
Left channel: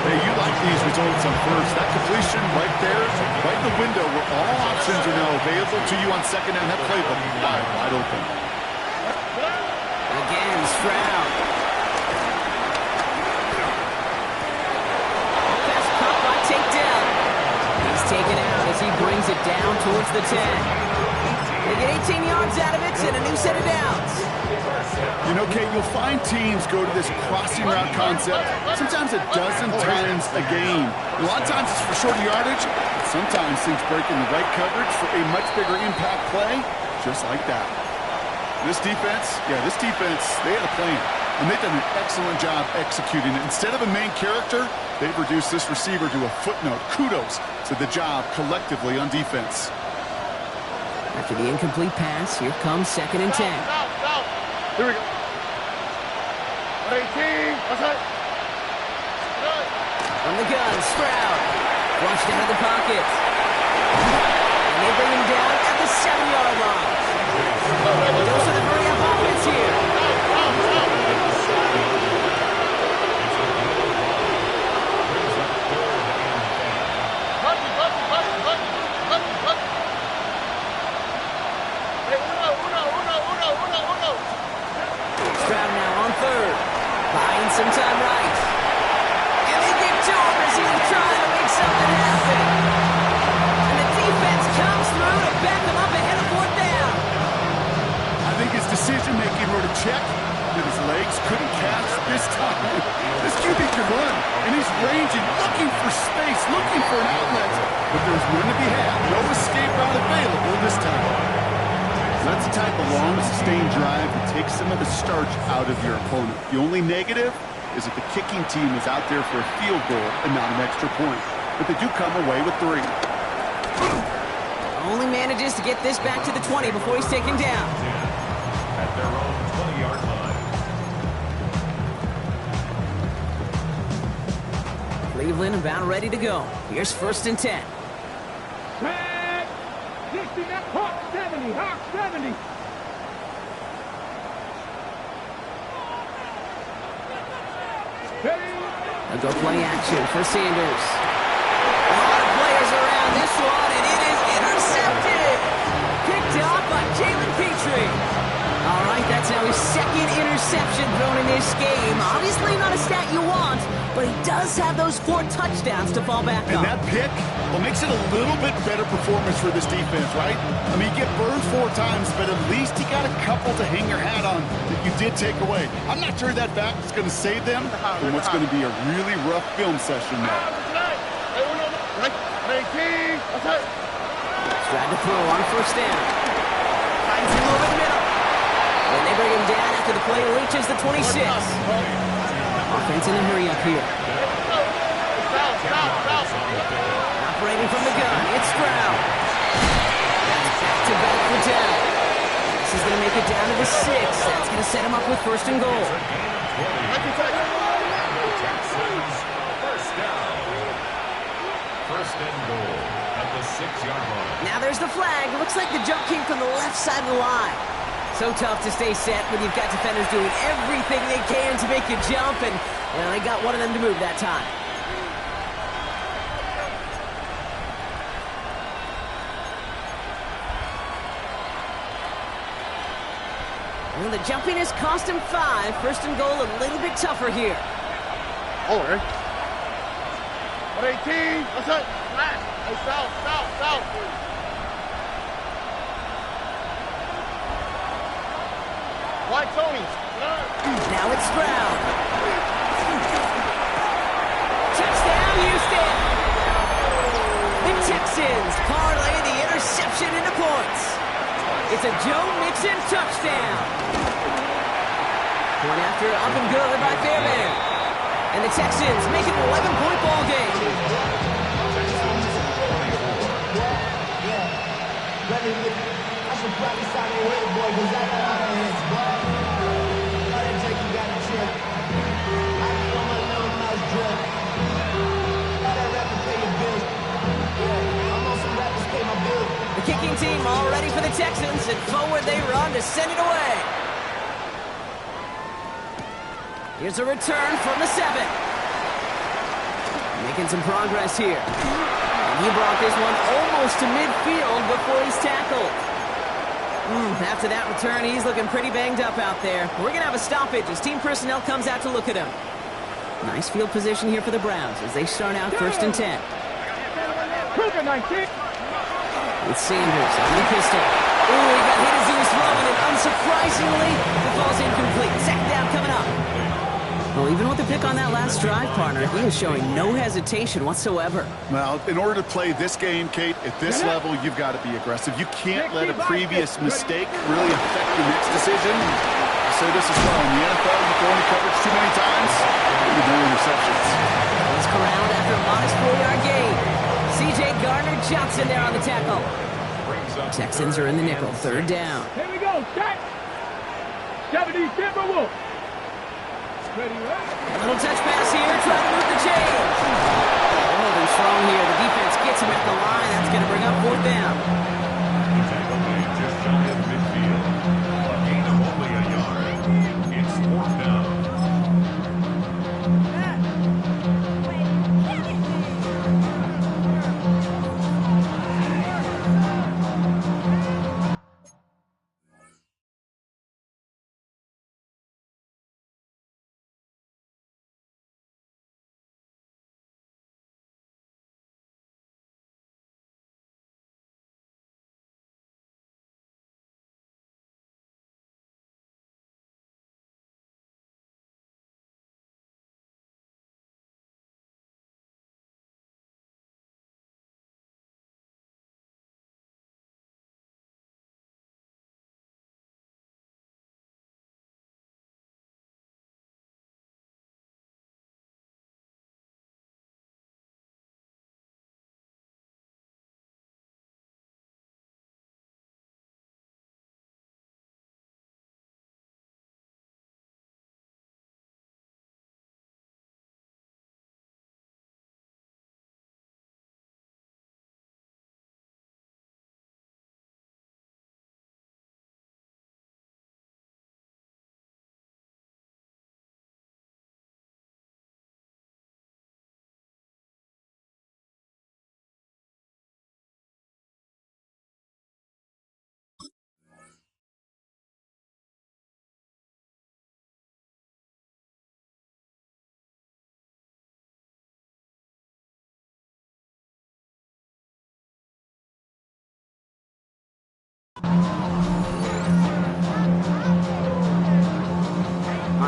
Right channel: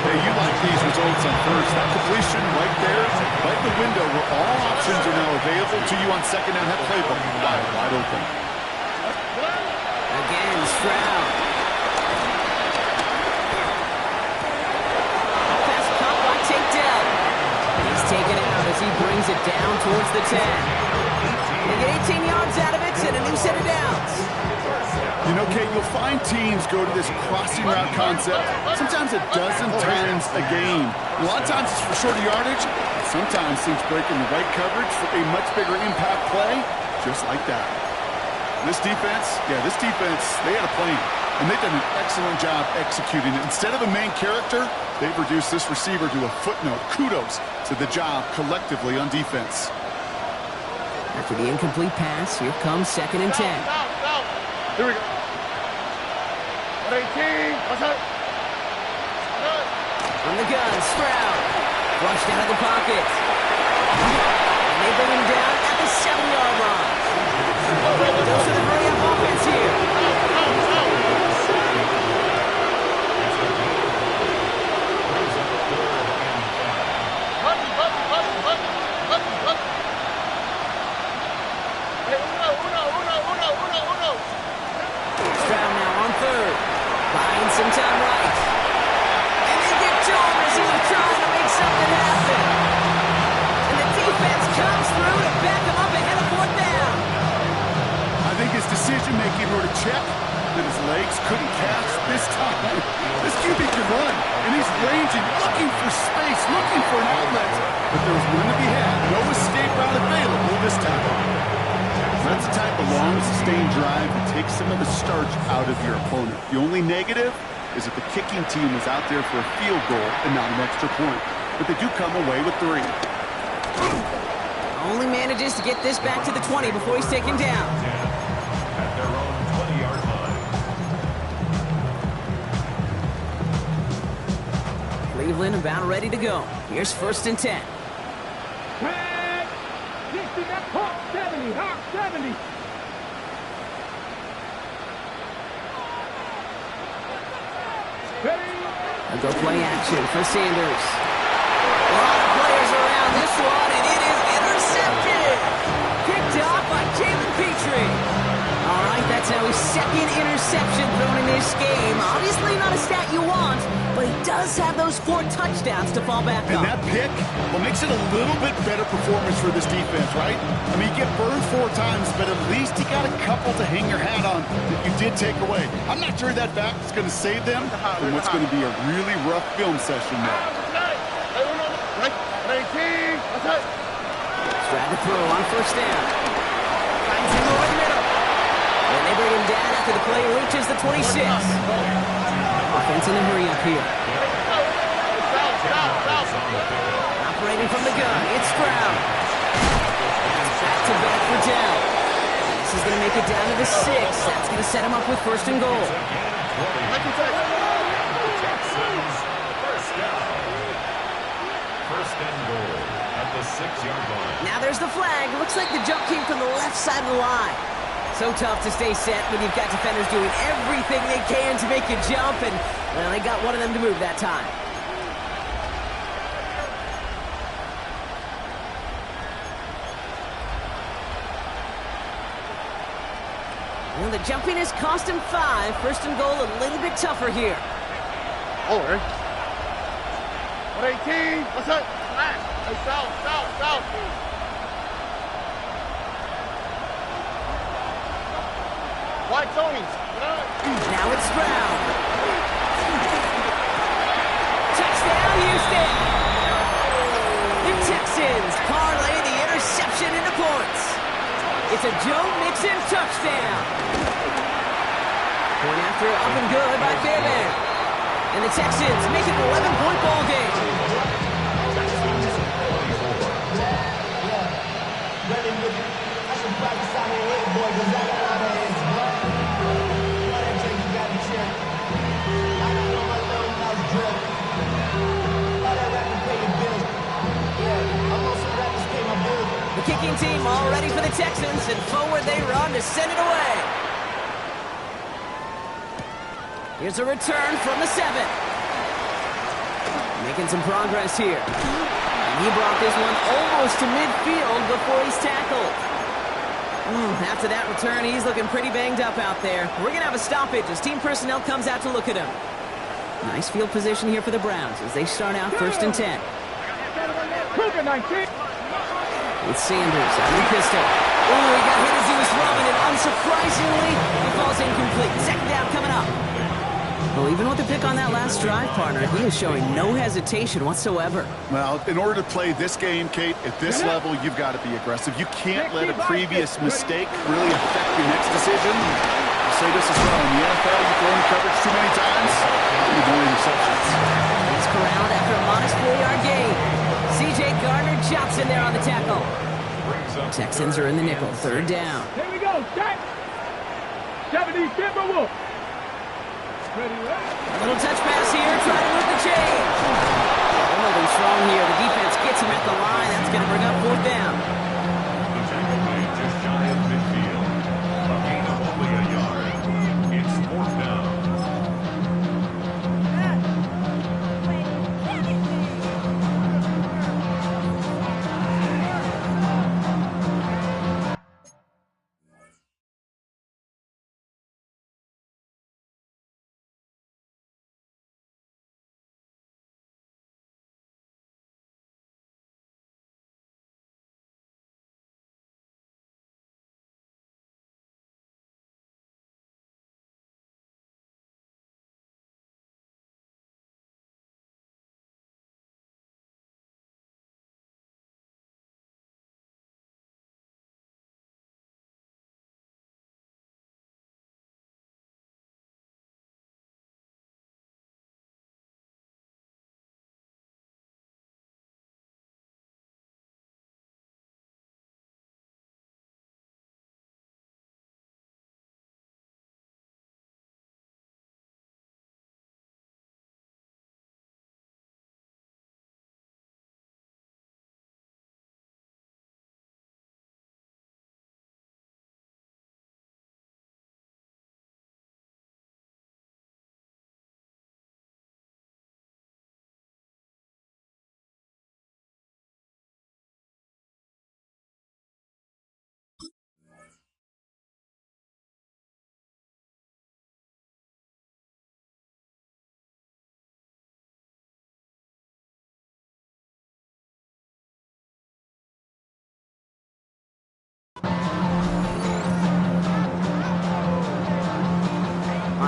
Hey, you like these results on first. That completion right there, right in the window where all options are now available to you on second down. That playbook wide open. Again, Stroud. Takedown. He's taken out as he brings it down towards the 10. They get 18 yards out of it and a new set of downs. You know, Kate, you'll find teams go to this crossing route concept sometimes a dozen times a game. A lot of times it's for shorter yardage. Sometimes things break in the right coverage for a much bigger impact play, just like that. This defense, they had a plan. And they've done an excellent job executing it. Instead of a main character, they've reduced this receiver to a footnote. Kudos to the job collectively on defense. After the incomplete pass, here comes 2nd and 10. Here we go. 18. What's that? From the gun, Stroud. Flushed out of the pocket. And they bring him down at the 7-yard line. Dose of the hurry-up offense here. Stroud now on third. Buying some time right. And they get to him as he was trying to make something happen. And the defense comes through to back him up ahead of 4th down. I think his decision-making wrote a check that his legs couldn't catch this time. This QB can run, and he's ranging, looking for space, looking for an outlet. But there was none to be had. No escape route available this time. That's the type of long, sustained drive that takes some of the starch out of your opponent. The only negative is that the kicking team was out there for a field goal and not an extra point. But they do come away with 3. Only manages to get this back to the 20 before he's taken down. At their own 20-yard line. Cleveland about ready to go. Here's 1st and 10. Tag. 60, Hawk 70, Hawk 70. A go play action for Sanders. A lot of players around this one, and it is intercepted. Picked off by Jalen Petrie. All right, that's now his 2nd interception thrown in this game. Obviously not a stat you want, but he does have those 4 touchdowns to fall back on. And that pick, well, makes it a little bit better performance for this defense, right? I mean, you get burned 4 times, but at least you got a couple to hang your hat on that you did take away. I'm not sure that back is going to save them from what's going to be a really rough film session now. Tried to throw on 1st down. Finds him over the middle. And they bring him down after the play reaches the 26. Offense in a hurry up here. Operating from the gun, it's Stroud. That's back-to-back for Dell. And this is going to make it down to the 6. That's going to set him up with 1st and goal. Texans, 1st down. 1st and goal at the 6-yard line. Now there's the flag. Looks like the jump came from the left side of the line. So tough to stay set when you've got defenders doing everything they can to make you jump, and, well, they got one of them to move that time. Well, the jumping has cost him 5. 1st and goal a little bit tougher here. Over. 118. What's up? Hey, south. White Tony's. Now it's Stroud. Touchdown, Houston. The Texans parlay the interception into points. It's a Joe Mixon touchdown. Point after up and good by Fairbairn. And the Texans make it an 11-point ball game. Texans 24. I should probably sign a hit, boy, because I got a lot of hits, boy. All that Drake, you got to chip. I be on my little mouse drip. All that rapping pay your bills. Yeah, I'm on some rappers pay my bills. The kicking team all ready for the Texans, and forward they run to send it away. Here's a return from the 7. Making some progress here. And he brought this one almost to midfield before he's tackled. After that return, he's looking pretty banged up out there. We're going to have a stoppage as team personnel comes out to look at him. Nice field position here for the Browns as they start out 1st and 10. With Sanders on the pistol. Ooh, he got hit as he was throwing, and unsurprisingly, it falls incomplete. 2nd down coming up. Well, even with the pick on that last drive, partner, he is showing no hesitation whatsoever. Well, in order to play this game, Kate, at this level, you've got to be aggressive. You can't let a previous mistake really affect your next decision. I'll say this as well. In the NFL, you throw into coverage too many times, you get more interceptions. He's corralled after a modest 4-yard gain. C.J. Gardner-Johnson there on the tackle. Texans are in the nickel, 3rd down. Here we go, Jack. 70 Timberwolves. Ready? A little touch pass here, trying to move the chains. They're holding strong here. The defense gets him at the line. That's going to bring up 4th down. The tackle made just shy of midfield. A gain of only a yard. It's 4th down.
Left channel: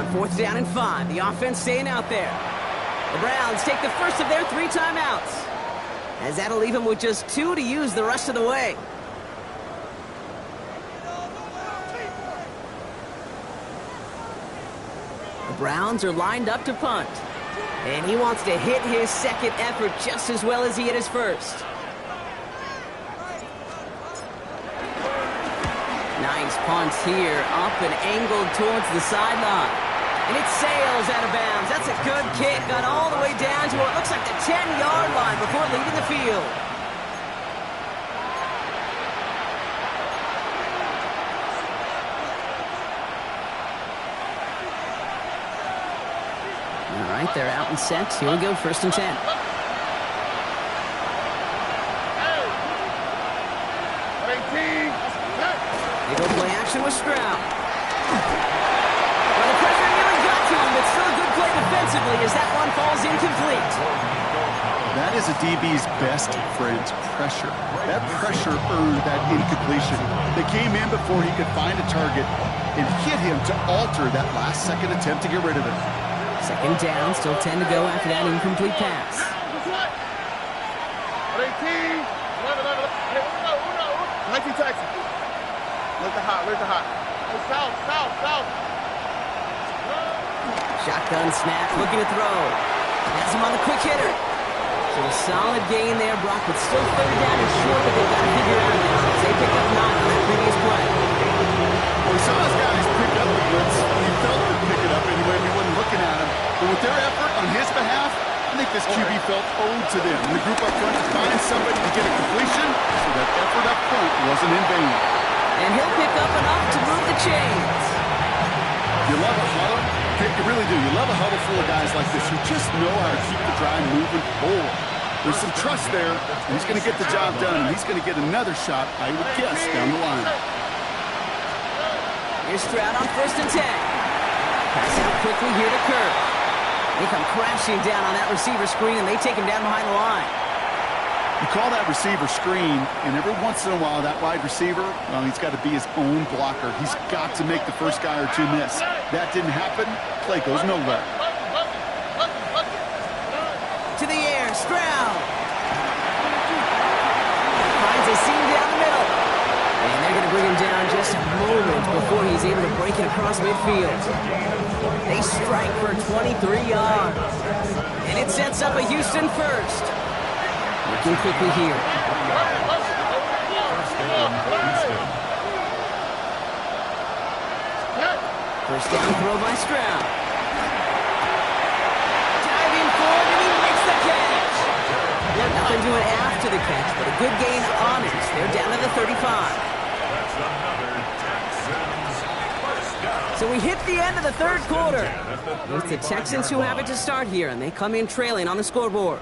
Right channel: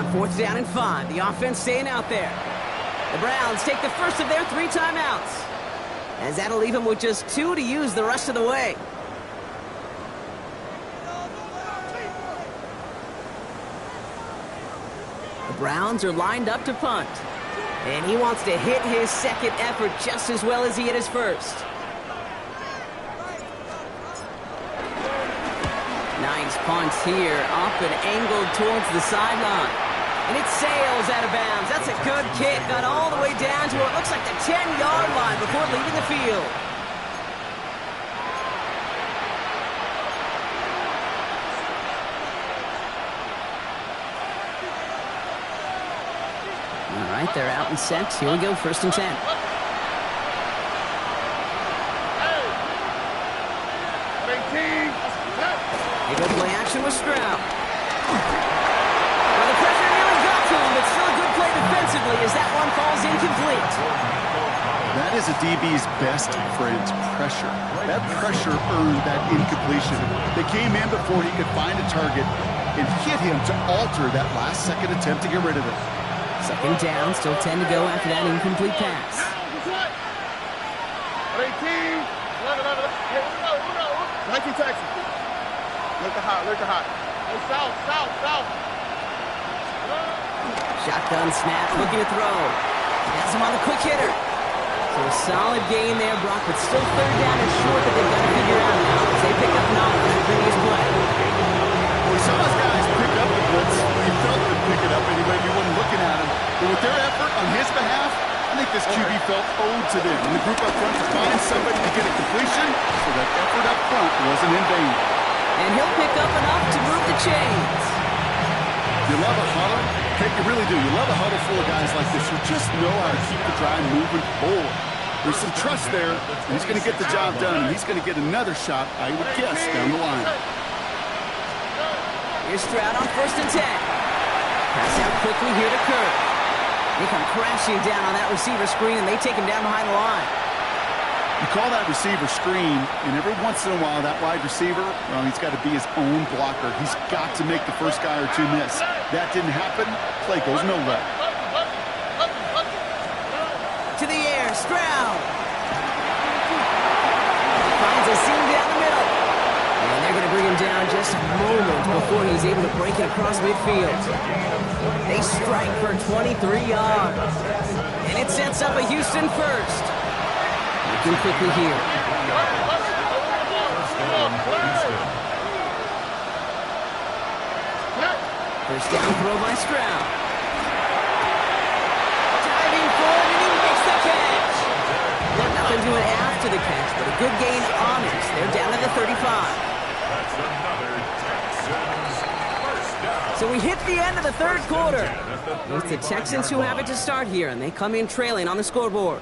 on 4th down and 5. The offense staying out there. The Browns take the first of their 3 timeouts, as that'll leave them with just 2 to use the rest of the way. The Browns are lined up to punt, and he wants to hit his second effort just as well as he hit his first. Nice punt here, up and angled towards the sideline. And it sails out of bounds. That's a good kick. Got all the way down to what looks like the 10-yard line before leaving the field. All right, they're out and set. Here we go, 1st and 10. They go play action with Stroud. Well, the pressure nearly got to him, but still a good play defensively as that one falls incomplete. That is a DB's best friend, pressure. That pressure earned that incompletion. They came in before he could find a target and hit him to alter that last-second attempt to get rid of it. 2nd down, still 10 to go after that incomplete pass. 19 Texas. Look the hot, look the hot. Hey, south. Shotgun snap, looking to throw. Has him on the quick hitter. So a solid gain there, Brock, but still 3rd down and short that they've got to figure out now as they pick up 9 on that previous play. Well, we saw his guys pick up the blitz. He felt them pick it up anyway if he wasn't looking at him. But with their effort on his behalf, I think this QB felt owed to them. And the group up front to find somebody to get a completion, so that effort up front wasn't in vain. And he'll pick up enough to move the chains. You love a huddle. Okay, you really do. You love a huddle full of guys like this who just know how to keep the drive moving forward. There's some trust there, and he's going to get the job done, and he's going to get another shot, I would guess, down the line. Here's Stroud on 1st and 10. Pass out quickly here to Kirk. They come crashing down on that receiver screen, and they take him down behind the line. You call that receiver screen, and every once in a while, that wide receiver, well, he's got to be his own blocker. He's got to make the first guy or 2 miss. That didn't happen. Play goes nowhere. To the air, Stroud. Finds a seam down the middle. And they're going to bring him down just a moment before he's able to break it across midfield. They strike for 23 yards. And it sets up a Houston first. Looking quickly here. First down throw by Stroud. Diving forward, and he makes the catch. Well, nothing doing after the catch, but a good gain on it. They're down to the 35. That's another Texans first down. So we hit the end of the 3rd quarter. It's the Texans who have it to start here, and they come in trailing on the scoreboard.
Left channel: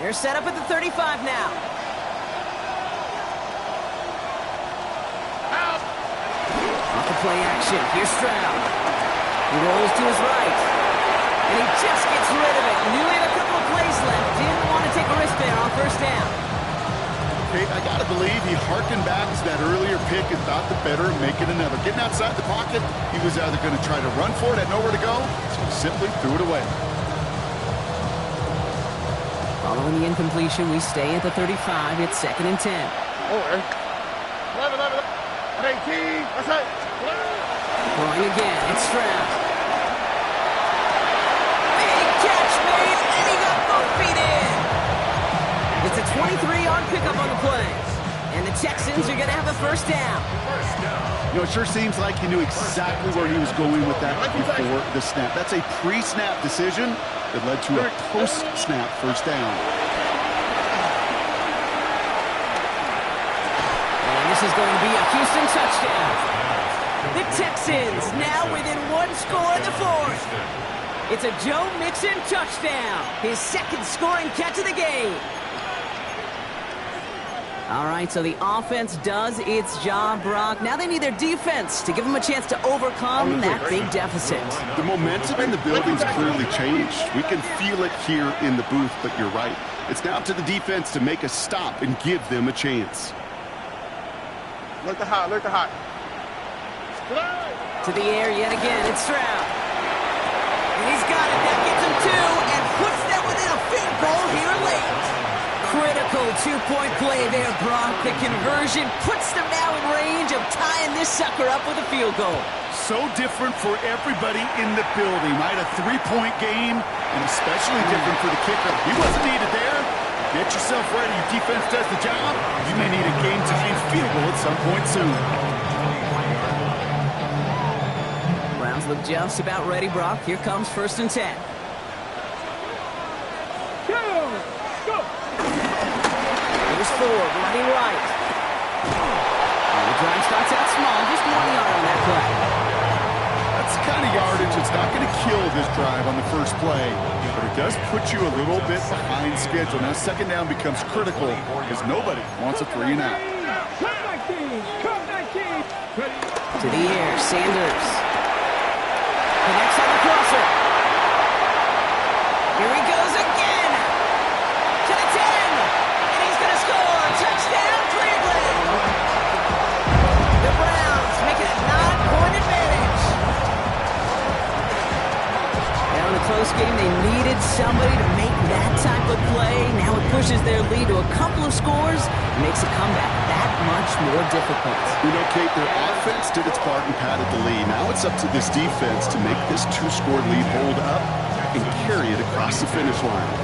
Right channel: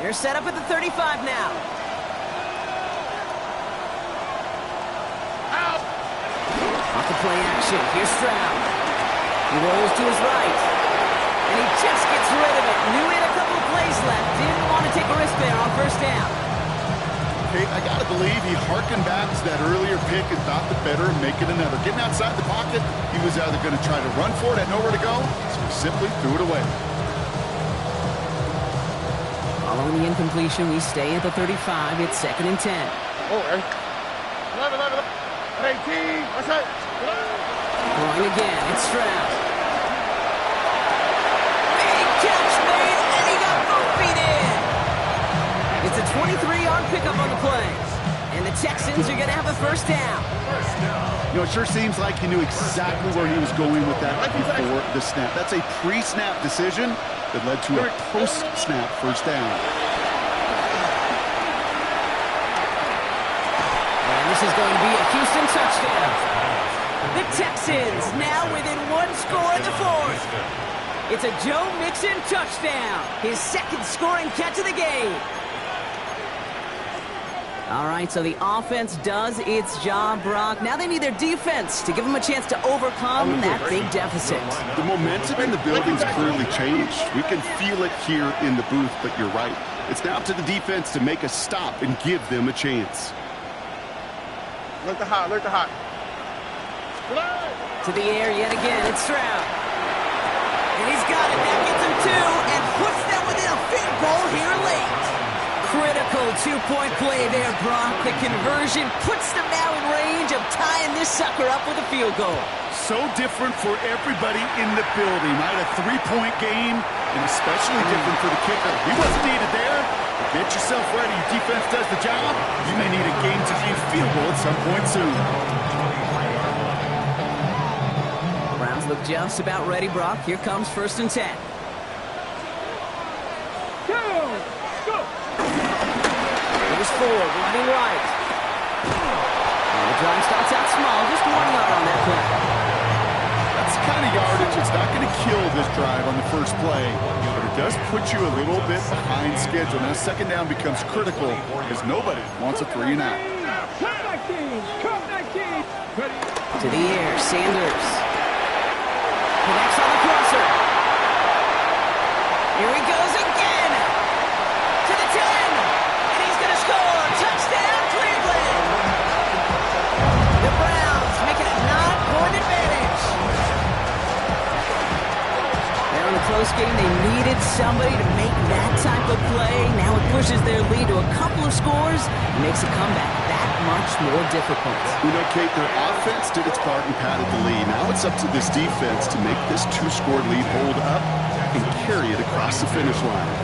They're set up at the 35 now. Off the play action. Here's Stroud. He rolls to his right. And he just gets rid of it. Knew he had a couple of plays left. Didn't want to take a risk there on 1st down. Okay, I got to believe he harkened back to that earlier pick and thought the better of making another. Getting outside the pocket, he was either going to try to run for it, had nowhere to go, so he simply threw it away. Following the incompletion, we stay at the 35. It's 2nd and 10. Oh, 11, 18. What's that? Throwing again. It's Stroud. Big catch made, and he got both feet in. It's a 23-yard pickup on the play. And the Texans are going to have a 1st down. You know, it sure seems like he knew exactly where he was going with that before the snap. That's a pre-snap decision that led to a post-snap 1st down. And this is going to be a Houston touchdown. The Texans now within 1 score in the 4th. It's a Joe Mixon touchdown. His 2nd scoring catch of the game. All right, so the offense does its job, Brock. Now they need their defense to give them a chance to overcome that big deficit. The momentum in the building's clearly changed. We can feel it here in the booth, but you're right. It's now up to the defense to make a stop and give them a chance. Look the hot, look the hot. To the air yet again, it's Stroud. And he's got it, that gets him two, and puts them within a field goal here late. Critical two-point play there, Brock. The conversion puts them now in range of tying this sucker up with a field goal. So different for everybody in the building, right? A three-point game, and especially different for the kicker. He wasn't needed there. Get yourself ready. Your defense does the job. You may need a game-tying field goal at some point soon. Browns look just about ready, Brock. Here comes 1st and 10. Go! Here's Ford running right. And the drive starts out small, just 1 yard on that play. That's the kind of yardage that's not going to kill this drive on the first play, but it does put you a little bit behind schedule. Now 2nd down becomes critical because nobody wants a 3 and out. To the air, Sanders. Connects on the crosser. Here he goes again. To the 10. And he's going to score. Touchdown, Cleveland. The Browns make it a 9-point advantage. Now in a close game, they needed somebody to make that type of play. Now it pushes their lead to a couple of scores and makes a comeback that much more difficult. You know, Kate, their offense did its part and padded the lead. Now it's up to this defense to make this 2-score lead hold up and carry it across the finish line.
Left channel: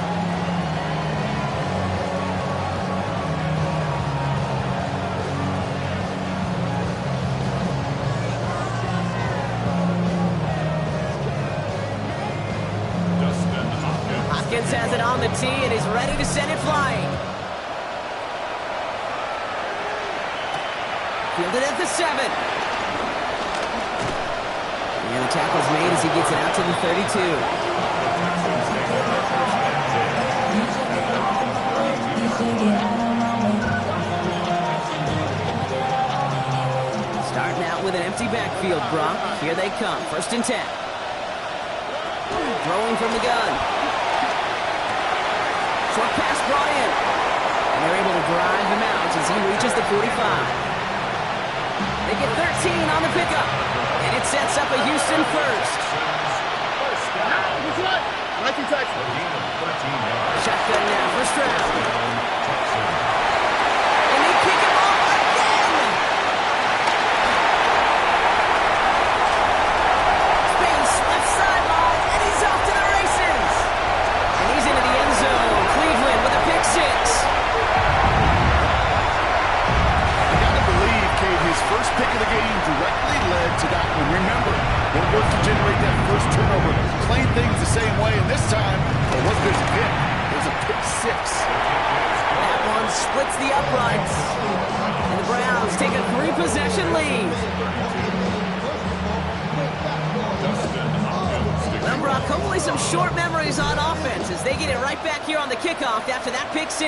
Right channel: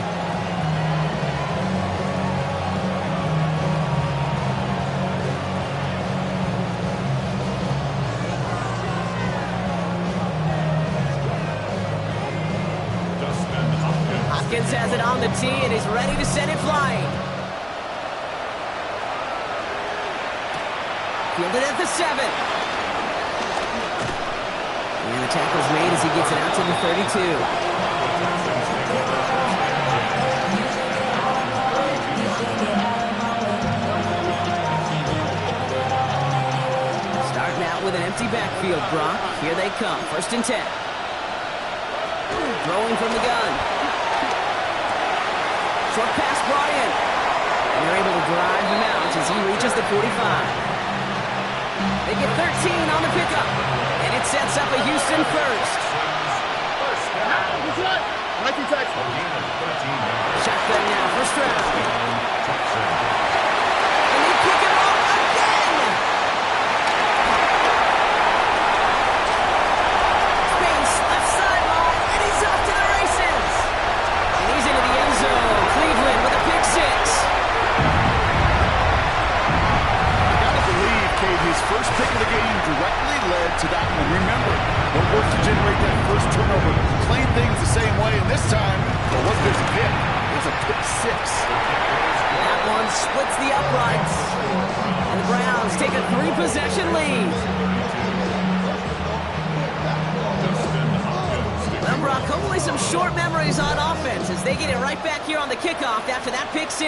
Hopkins has it on the tee and is ready to send it flying. Fielded at the 7. And the tackle's made as he gets it out to the 32. Starting out with an empty backfield, Brock. Here they come. 1st and 10. Throwing from the gun. Short pass brought in. And they're able to drive him out as he reaches the 45. They get 13 on the pickup. And it sets up a Houston first. Shotgun now for Stroud. And they kick him off again. Space left sideline, and he's off to the races. And he's into the end zone. Cleveland with a pick 6. Kate, his first pick of the game directly led to that one. Remember, what worked to generate that first turnover? Playing things the same way, and this time, it wasn't just a pick. It was a pick 6. That one splits the uprights. And the Browns take a 3-possession lead. Well, Brock, hopefully some short memories on offense as they get it right back here on the kickoff after that pick 6.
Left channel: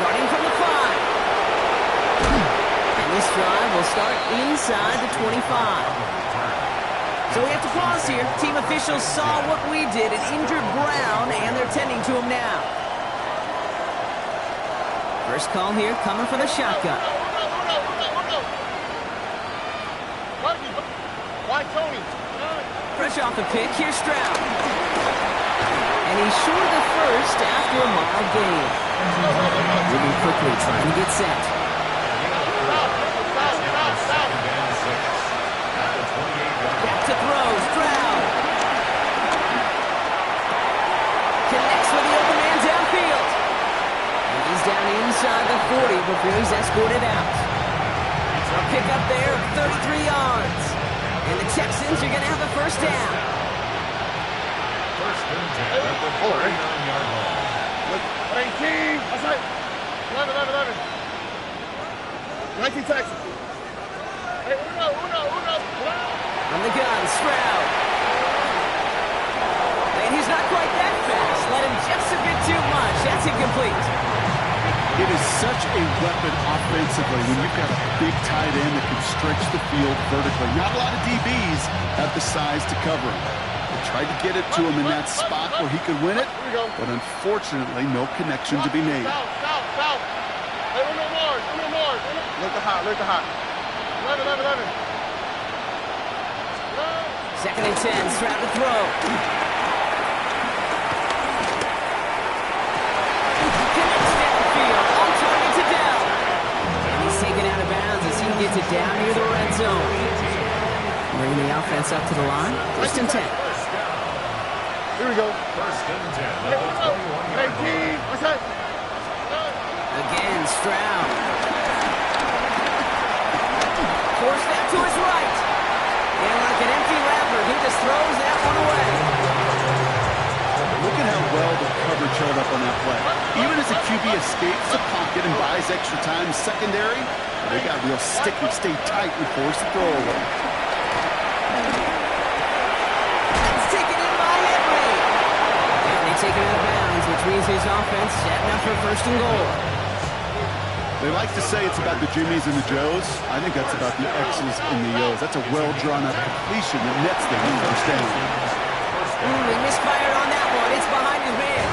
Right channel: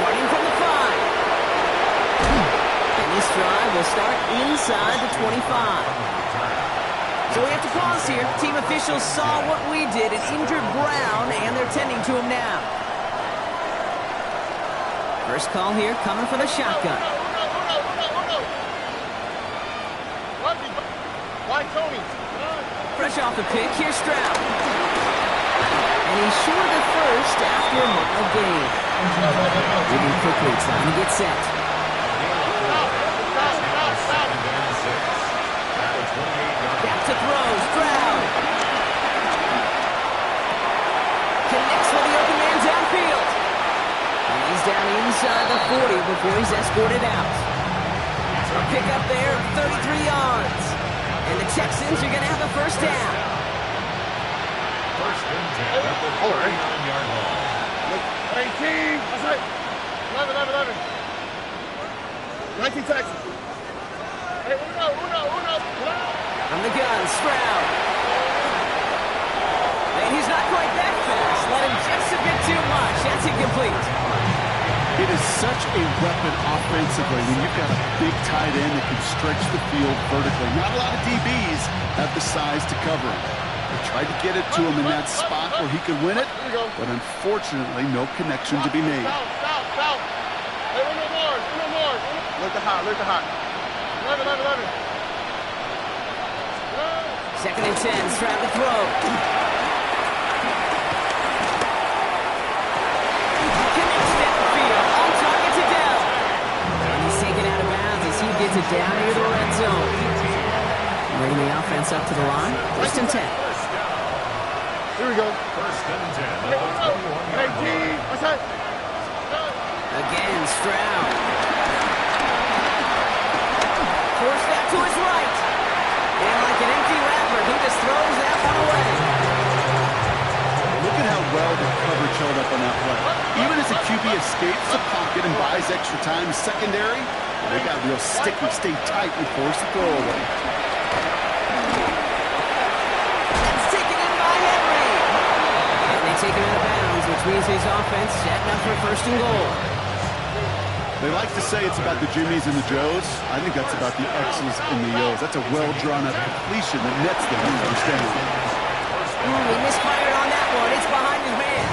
Starting from the 5. This drive will start inside the 25. So we have to pause here. Team officials saw what we did, an injured Brown, and they're tending to him now. First call here, coming for the shotgun. Why Tony? Fresh off the pick, here's Stroud. And he's short of the first after a mild gain. Moving quickly, trying to get set. Back to throw, Stroud. Connects with the open man downfield. And he's down inside the 40 before he's escorted out. A pickup there of 33 yards. And the Texans are going to have a first down. 1st and 10 at the 49-yard line. 18. That's right. 11. 19 Texans. Hey, uno. From the gun, Stroud. And he's not quite that fast. Let him just a bit too much. That's incomplete. It is such a weapon offensively when you've got a big tight end that can stretch the field vertically. Not a lot of DBs have the size to cover him. They tried to get it to him in that spot where he could win it, but unfortunately, no connection to be made. South. Hey, uno more. Look at hot. 11. Second and 10, Stroud to throw. Connects downfield, on target to Dell. And he's taken out of bounds as he gets it down near the red zone. Bringing the offense up to the line. First and 10. Here we go. First and 10 at the 21-yard line. What's that? Again, Stroud. Forced that to his right. And like an empty wrapper, he just throws that one away. Look at how well the coverage held up on that play. Even as the QB escapes the pocket and buys extra time secondary, they got real sticky, stay tight, and force the throw away. That's taken in by Henry. And they take him out of bounds, which means his offense setting up for first and goal. They like to say it's about the Jimmies and the Joes. I think that's about the X's and the O's. That's a well-drawn-up completion that nets them in first down. He misfired on that one. It's behind his man.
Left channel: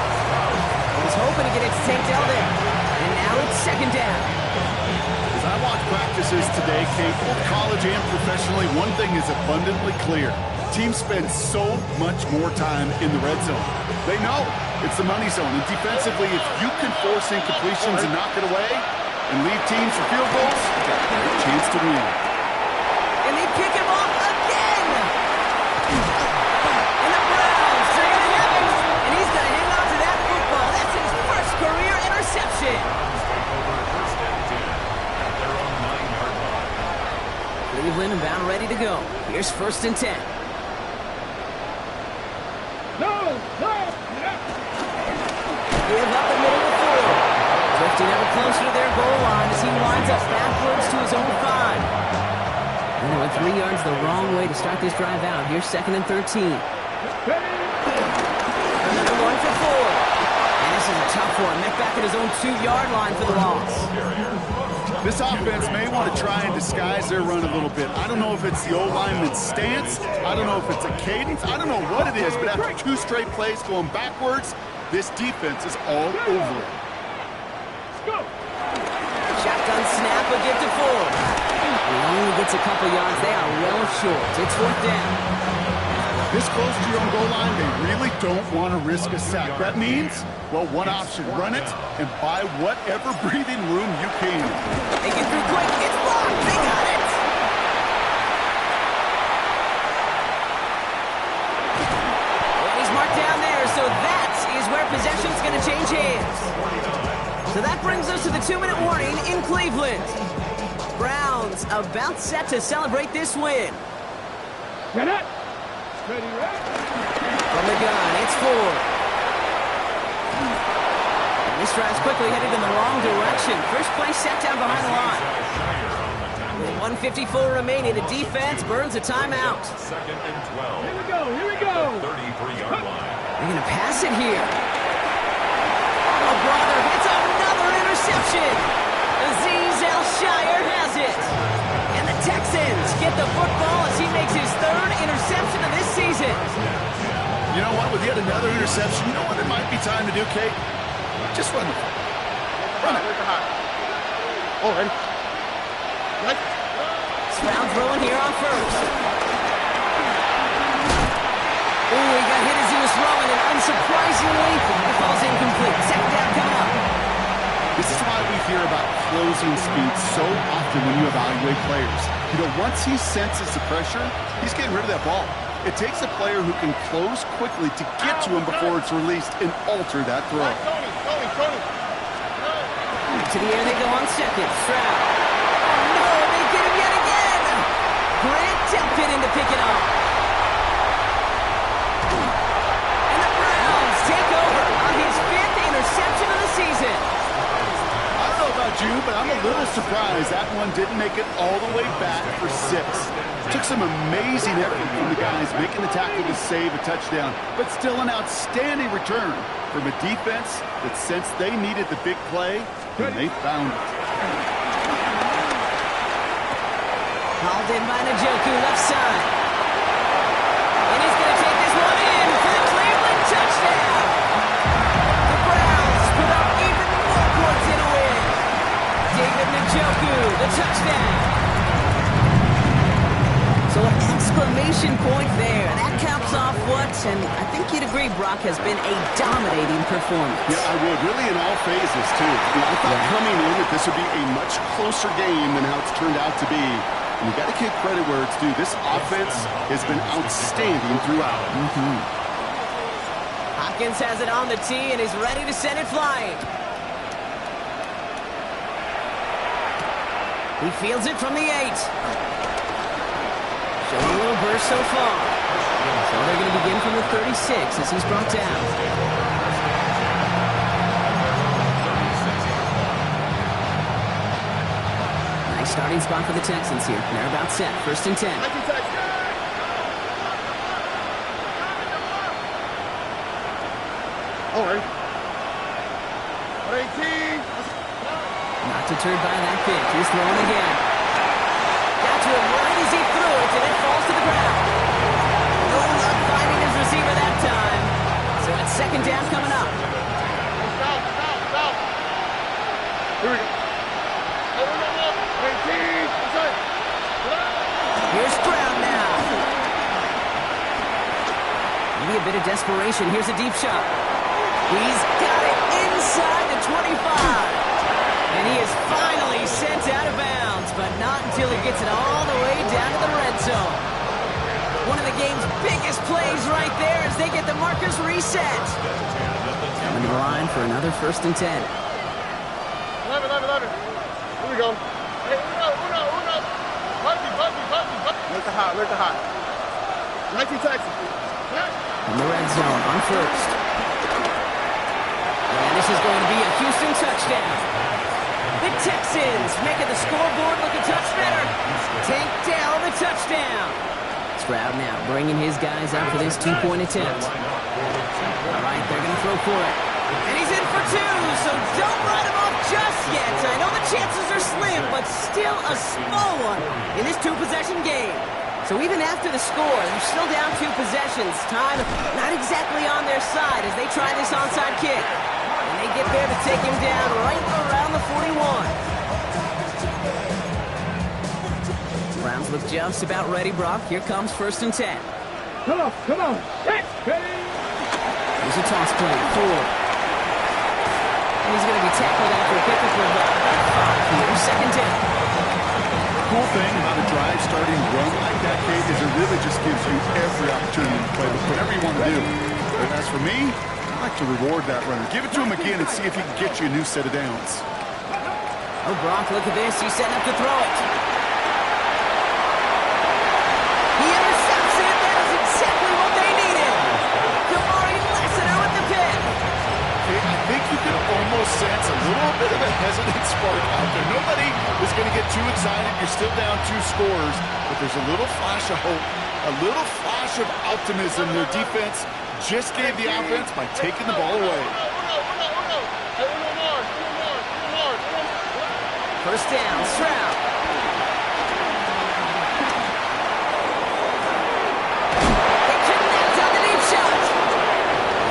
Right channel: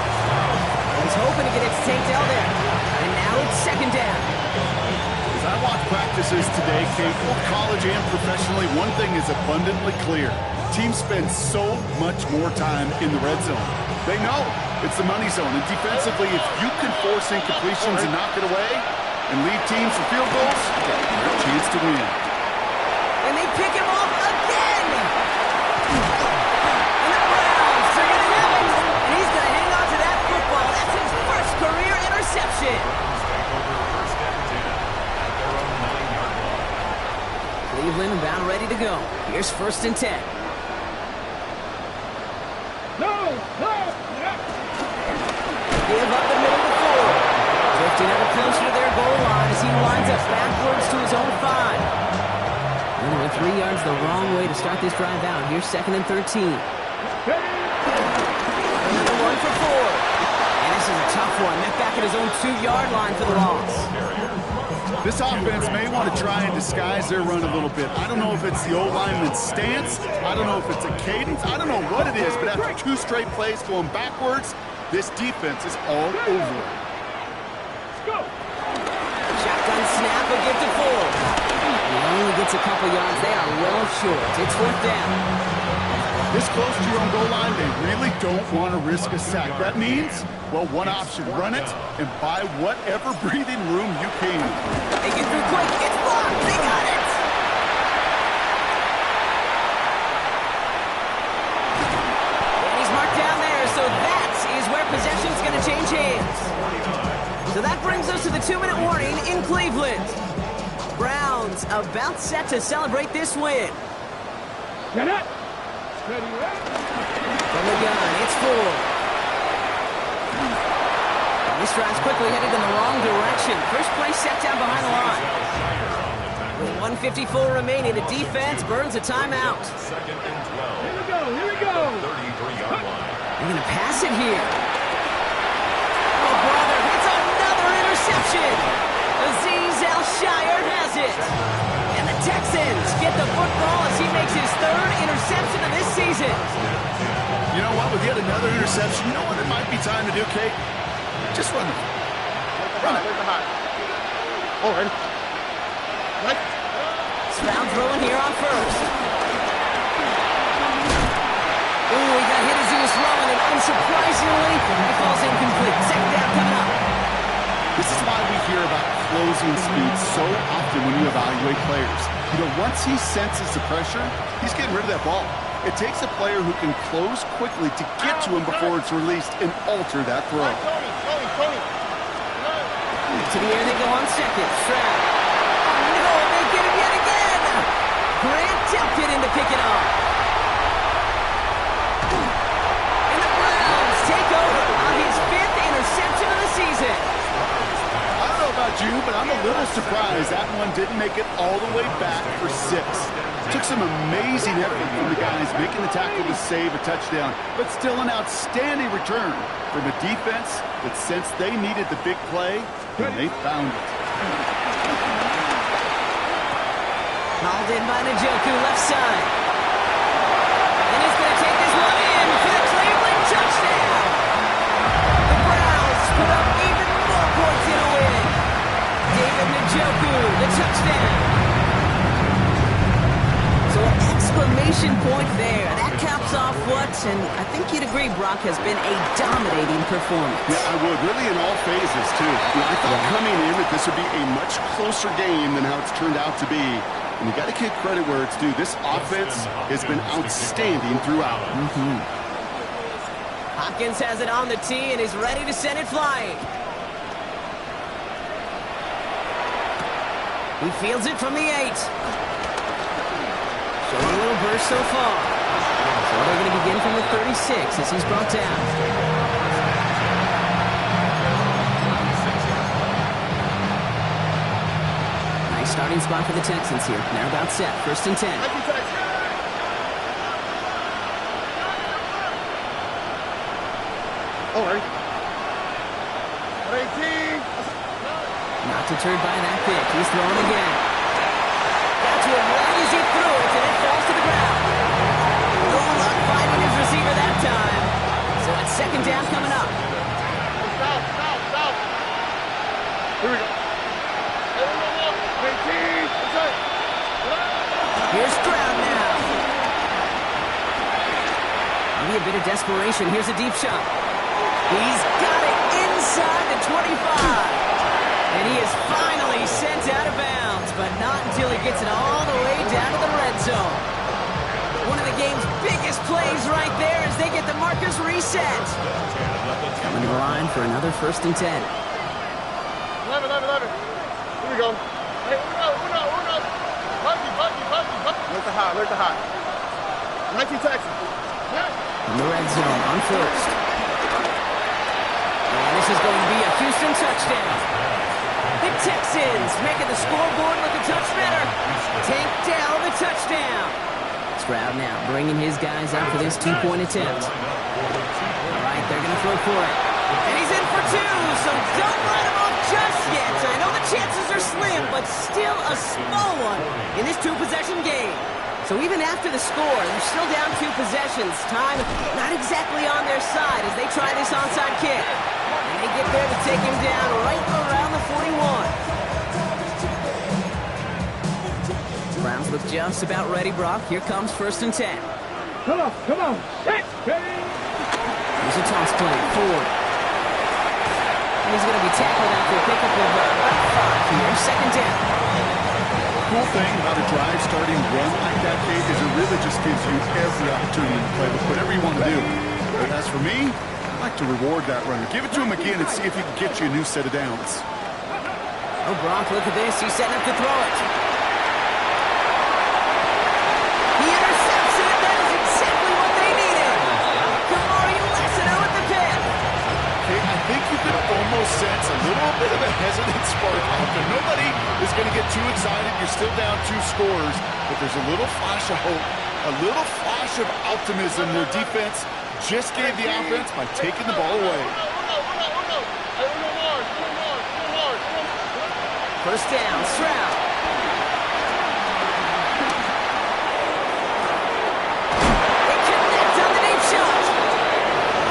He's hoping to get it to Tank Dell there. And now it's second down. As I watch practices today, Kate, both college and professionally, one thing is abundantly clear. Teams spend so much more time in the red zone. They know it's the money zone. And defensively, if you can force incompletions and knock it away and lead teams for field goals, you got a great chance to win. And they pick him off again. And the Browns are going to have it. And he's going to hang on to that football. That's his first career interception. Browns take over first and 10 at their own 9-yard line. Cleveland about ready to go. Here's first and 10. No. Give up the middle to Ford. Drifting ever closer to their goal line as he winds up backwards to his own 5. And they went 3 yards the wrong way to start this drive out. Here's second and 13. Another one for Ford. And this is a tough one. Met back at his own 2-yard line for the loss. This offense may want to try and disguise their run a little bit. I don't know if it's the old lineman's stance. I don't know if it's a cadence. I don't know what it is, but after 2 straight plays going backwards, this defense is all over it. Go. Shotgun snap, a give to Ford. He only gets a couple yards. They are well short. It's fourth down. This close to your own goal line, they really don't want to risk a sack. That means, well, one option, run it and buy whatever breathing room you can. They get through quick. It's blocked. They got it. And he's marked down there, so that is where possession's going to change hands. So that brings us to the 2-minute warning in Cleveland. Browns about set to celebrate this win. Get it. Ready, right? From the gun, it's Ford. And this drive's quickly headed in the wrong direction. First play set down behind the line. With 1:54 remaining, the defense burns a timeout. Second and 12. Here we go. 33-yard line. They're going to pass it here. Oh, brother, it's another interception. Azeez Al-Shire has it. And the Texans get the football as he makes his 3rd interception of this season. You know what? With yet another interception, you know what it might be time to do, Kate? Just run the ball. Where's the hot? Oh, ready? Right. Stroud throwing here on first. Ooh, he got hit as he was throwing, and unsurprisingly, it falls incomplete. Second down coming up. This is why we hear about closing speed so often when you evaluate players. You know, once he senses the pressure, he's getting rid of that ball. It takes a player who can close quickly to get to him before it's released and alter that throw. Tony. To the air they go on second. Stroud. Oh, no, they get him yet again. Grant tempted in to pick it off. And the Browns take over on his 5th interception of the season. I don't know about you, but I'm a little surprised that one didn't make it all the way back for 6. Took some amazing effort from the guys making the tackle to save a touchdown, but still an outstanding return from a defense that, since they needed the big play, and they found it. Called in by Njoku, left side. And he's going to take this one in for the Cleveland touchdown. The Browns put up even more points in a win. David Njoku, the touchdown. So an exclamation point there. That caps off what, and I think you'd agree, Brock, has been a dominating performance. Yeah, I would. Really in all phases, too. I thought coming in that this would be a much closer game than how it's turned out to be. And you got to give credit where it's due. This offense has been outstanding throughout. Hopkins has it on the tee, and he's ready to send it flying. He fields it from the 8. Showing a little burst so far. So they're going to begin from the 36 as he's brought down. Nice starting spot for the Texans here. They're about set. 1st and 10. All right. 18. Not deterred by that pitch. He's throwing again. Got to him right as he threw it, and it falls to the ground. No luck finding his receiver that time. So it's 2nd down coming up. South. Here we go. 18. Here's Stroud now. Maybe a bit of desperation. Here's a deep shot. He's got it inside the 25. And he is finally sent out of bounds, but not until he gets it all the way down to the red zone. One of the game's biggest plays right there as they get the markers reset. Coming to the line for another 1st and 10. 11. Here we go. Hey, uno. Buggy. Where's the hot? 19 Texas. In the red zone on 1st. And this is going to be a Houston touchdown. The Texans making the scoreboard look a touch better. Tank Dell, the touchdown. Stroud now bringing his guys out for this 2-point attempt. All right, they're going to throw for it. And he's in for 2, so don't write him off just yet. I know the chances are slim, but still a small one in this 2-possession game. So even after the score, they're still down 2 possessions. Time not exactly on their side as they try this onside kick. And they get there to take him down right around the 41. Browns look just about ready, Brock. Here comes 1st and 10. Come on. Set. Here's a toss play forward. And he's going to be tackled after a pickup of about 5 here. 2nd down. The cool thing about a drive starting run like that, Kate, is it really just gives you every opportunity to play with whatever you want to do. But as for me, I like to reward that runner. Give it to him again and see if he can get you a new set of downs. Oh, Brock, look at this. He's setting up to throw it. He intercepts it. That is exactly what they needed. Kamari Lassiter with the pick. Hey, I think you can almost sense a little bit of a hesitant spark out there. Nobody is going to get too excited. You're still down 2 scores, but there's a little flash of hope, a little flash of optimism. Their defense just gave the offense by taking the ball away. First down, Stroud. They connect on the deep shot.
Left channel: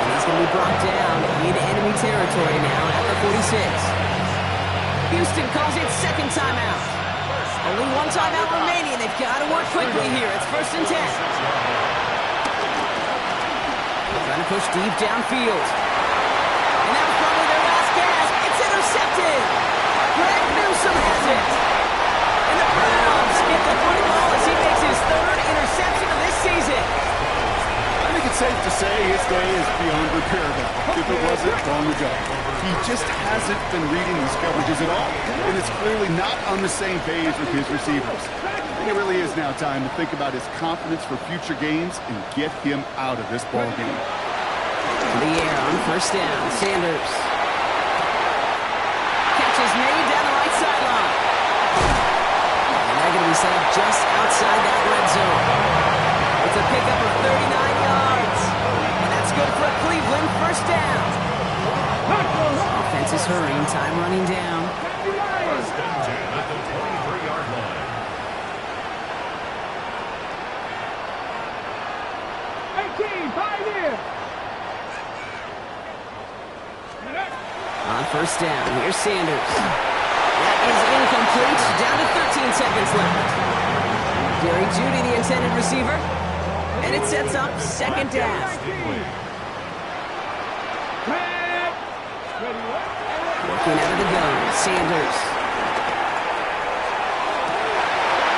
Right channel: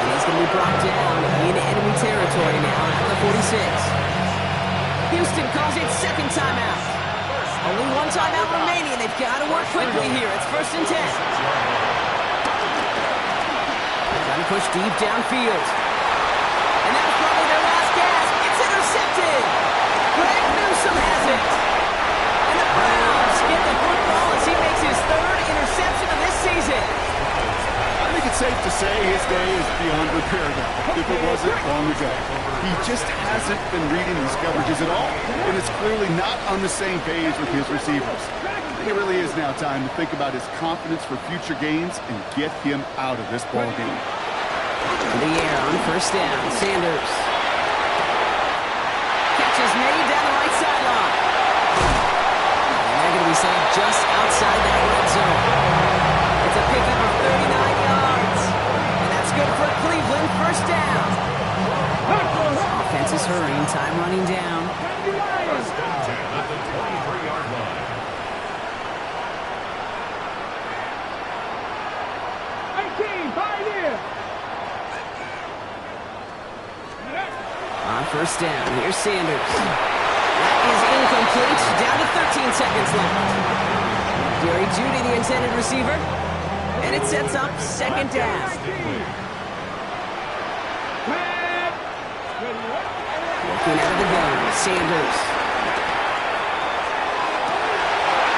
And he's going to be brought down in enemy territory now at the 46. Houston calls it 2nd timeout. Only 1 timeout remaining. They've got to work quickly here. It's 1st and 10. Trying to push deep downfield. And that was probably their last gasp. It's intercepted. Greg Newsome has it. And the Browns get the football as he makes his 3rd interception of this season. I think it's safe to say his day is beyond repair now. If it wasn't, long ago. He just hasn't been reading these coverages at all, and it's clearly not on the same page with his receivers. I think it really is now time to think about his confidence for future games and get him out of this ball game. In the air on 1st down, Sanders. Catch is made down the right sideline. And they're going to be set up just outside that red zone. It's a pickup of 39 yards. And that's good for Cleveland. 1st down. Offense is hurrying, time running down. First and 10 at the 23-yard line. 18, pioneer. On first down, here's Sanders. That is incomplete. Down to 13 seconds left. Jerry Jeudy, the intended receiver. And it sets up second down. Looking out of the gun, Sanders.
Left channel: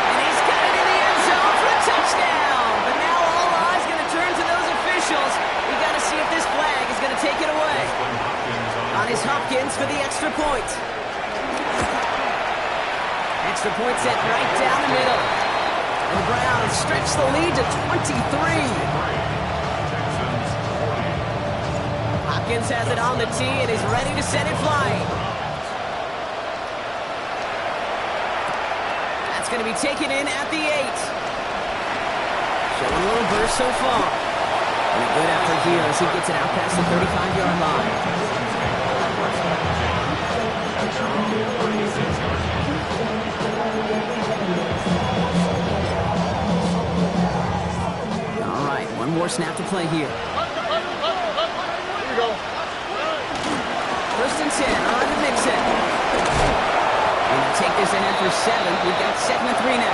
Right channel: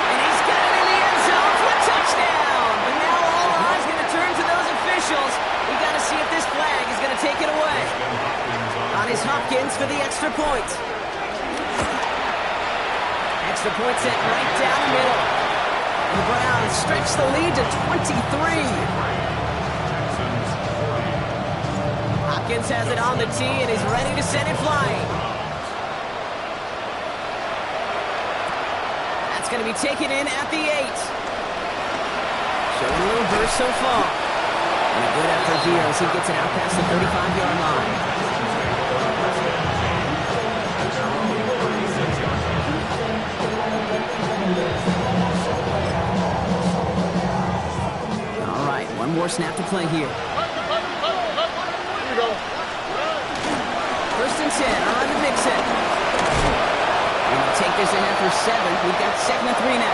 And he's got it in the end zone for a touchdown. But now all eyes going to turn to those officials. We got to see if this flag is going to take it away. On his Hopkins for the extra point. Extra point sent right down the middle. And the Browns stretch the lead to 23. Hopkins has it on the tee and is ready to send it flying. That's going to be taken in at the 8. Showing a little burst so far. And a good effort here as he gets it out past the 35-yard line. All right, one more snap to play here. Go. First and 10, on to Mixon. And he'll take this ahead for 7. We've got 2nd and 3 now.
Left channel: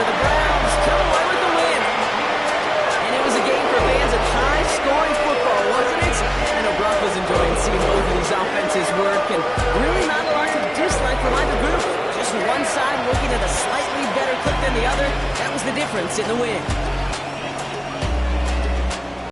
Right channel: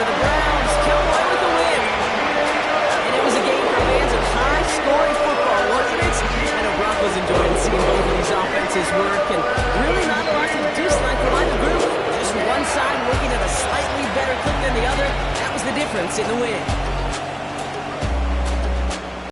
So the Browns come away with the win. And it was a game for fans of high-scoring football, wasn't it? I know Brock was enjoying seeing both of these offenses work, and really not a lot to dislike from either group. Just one side working at a slightly better clip than the other. That was the difference in the win.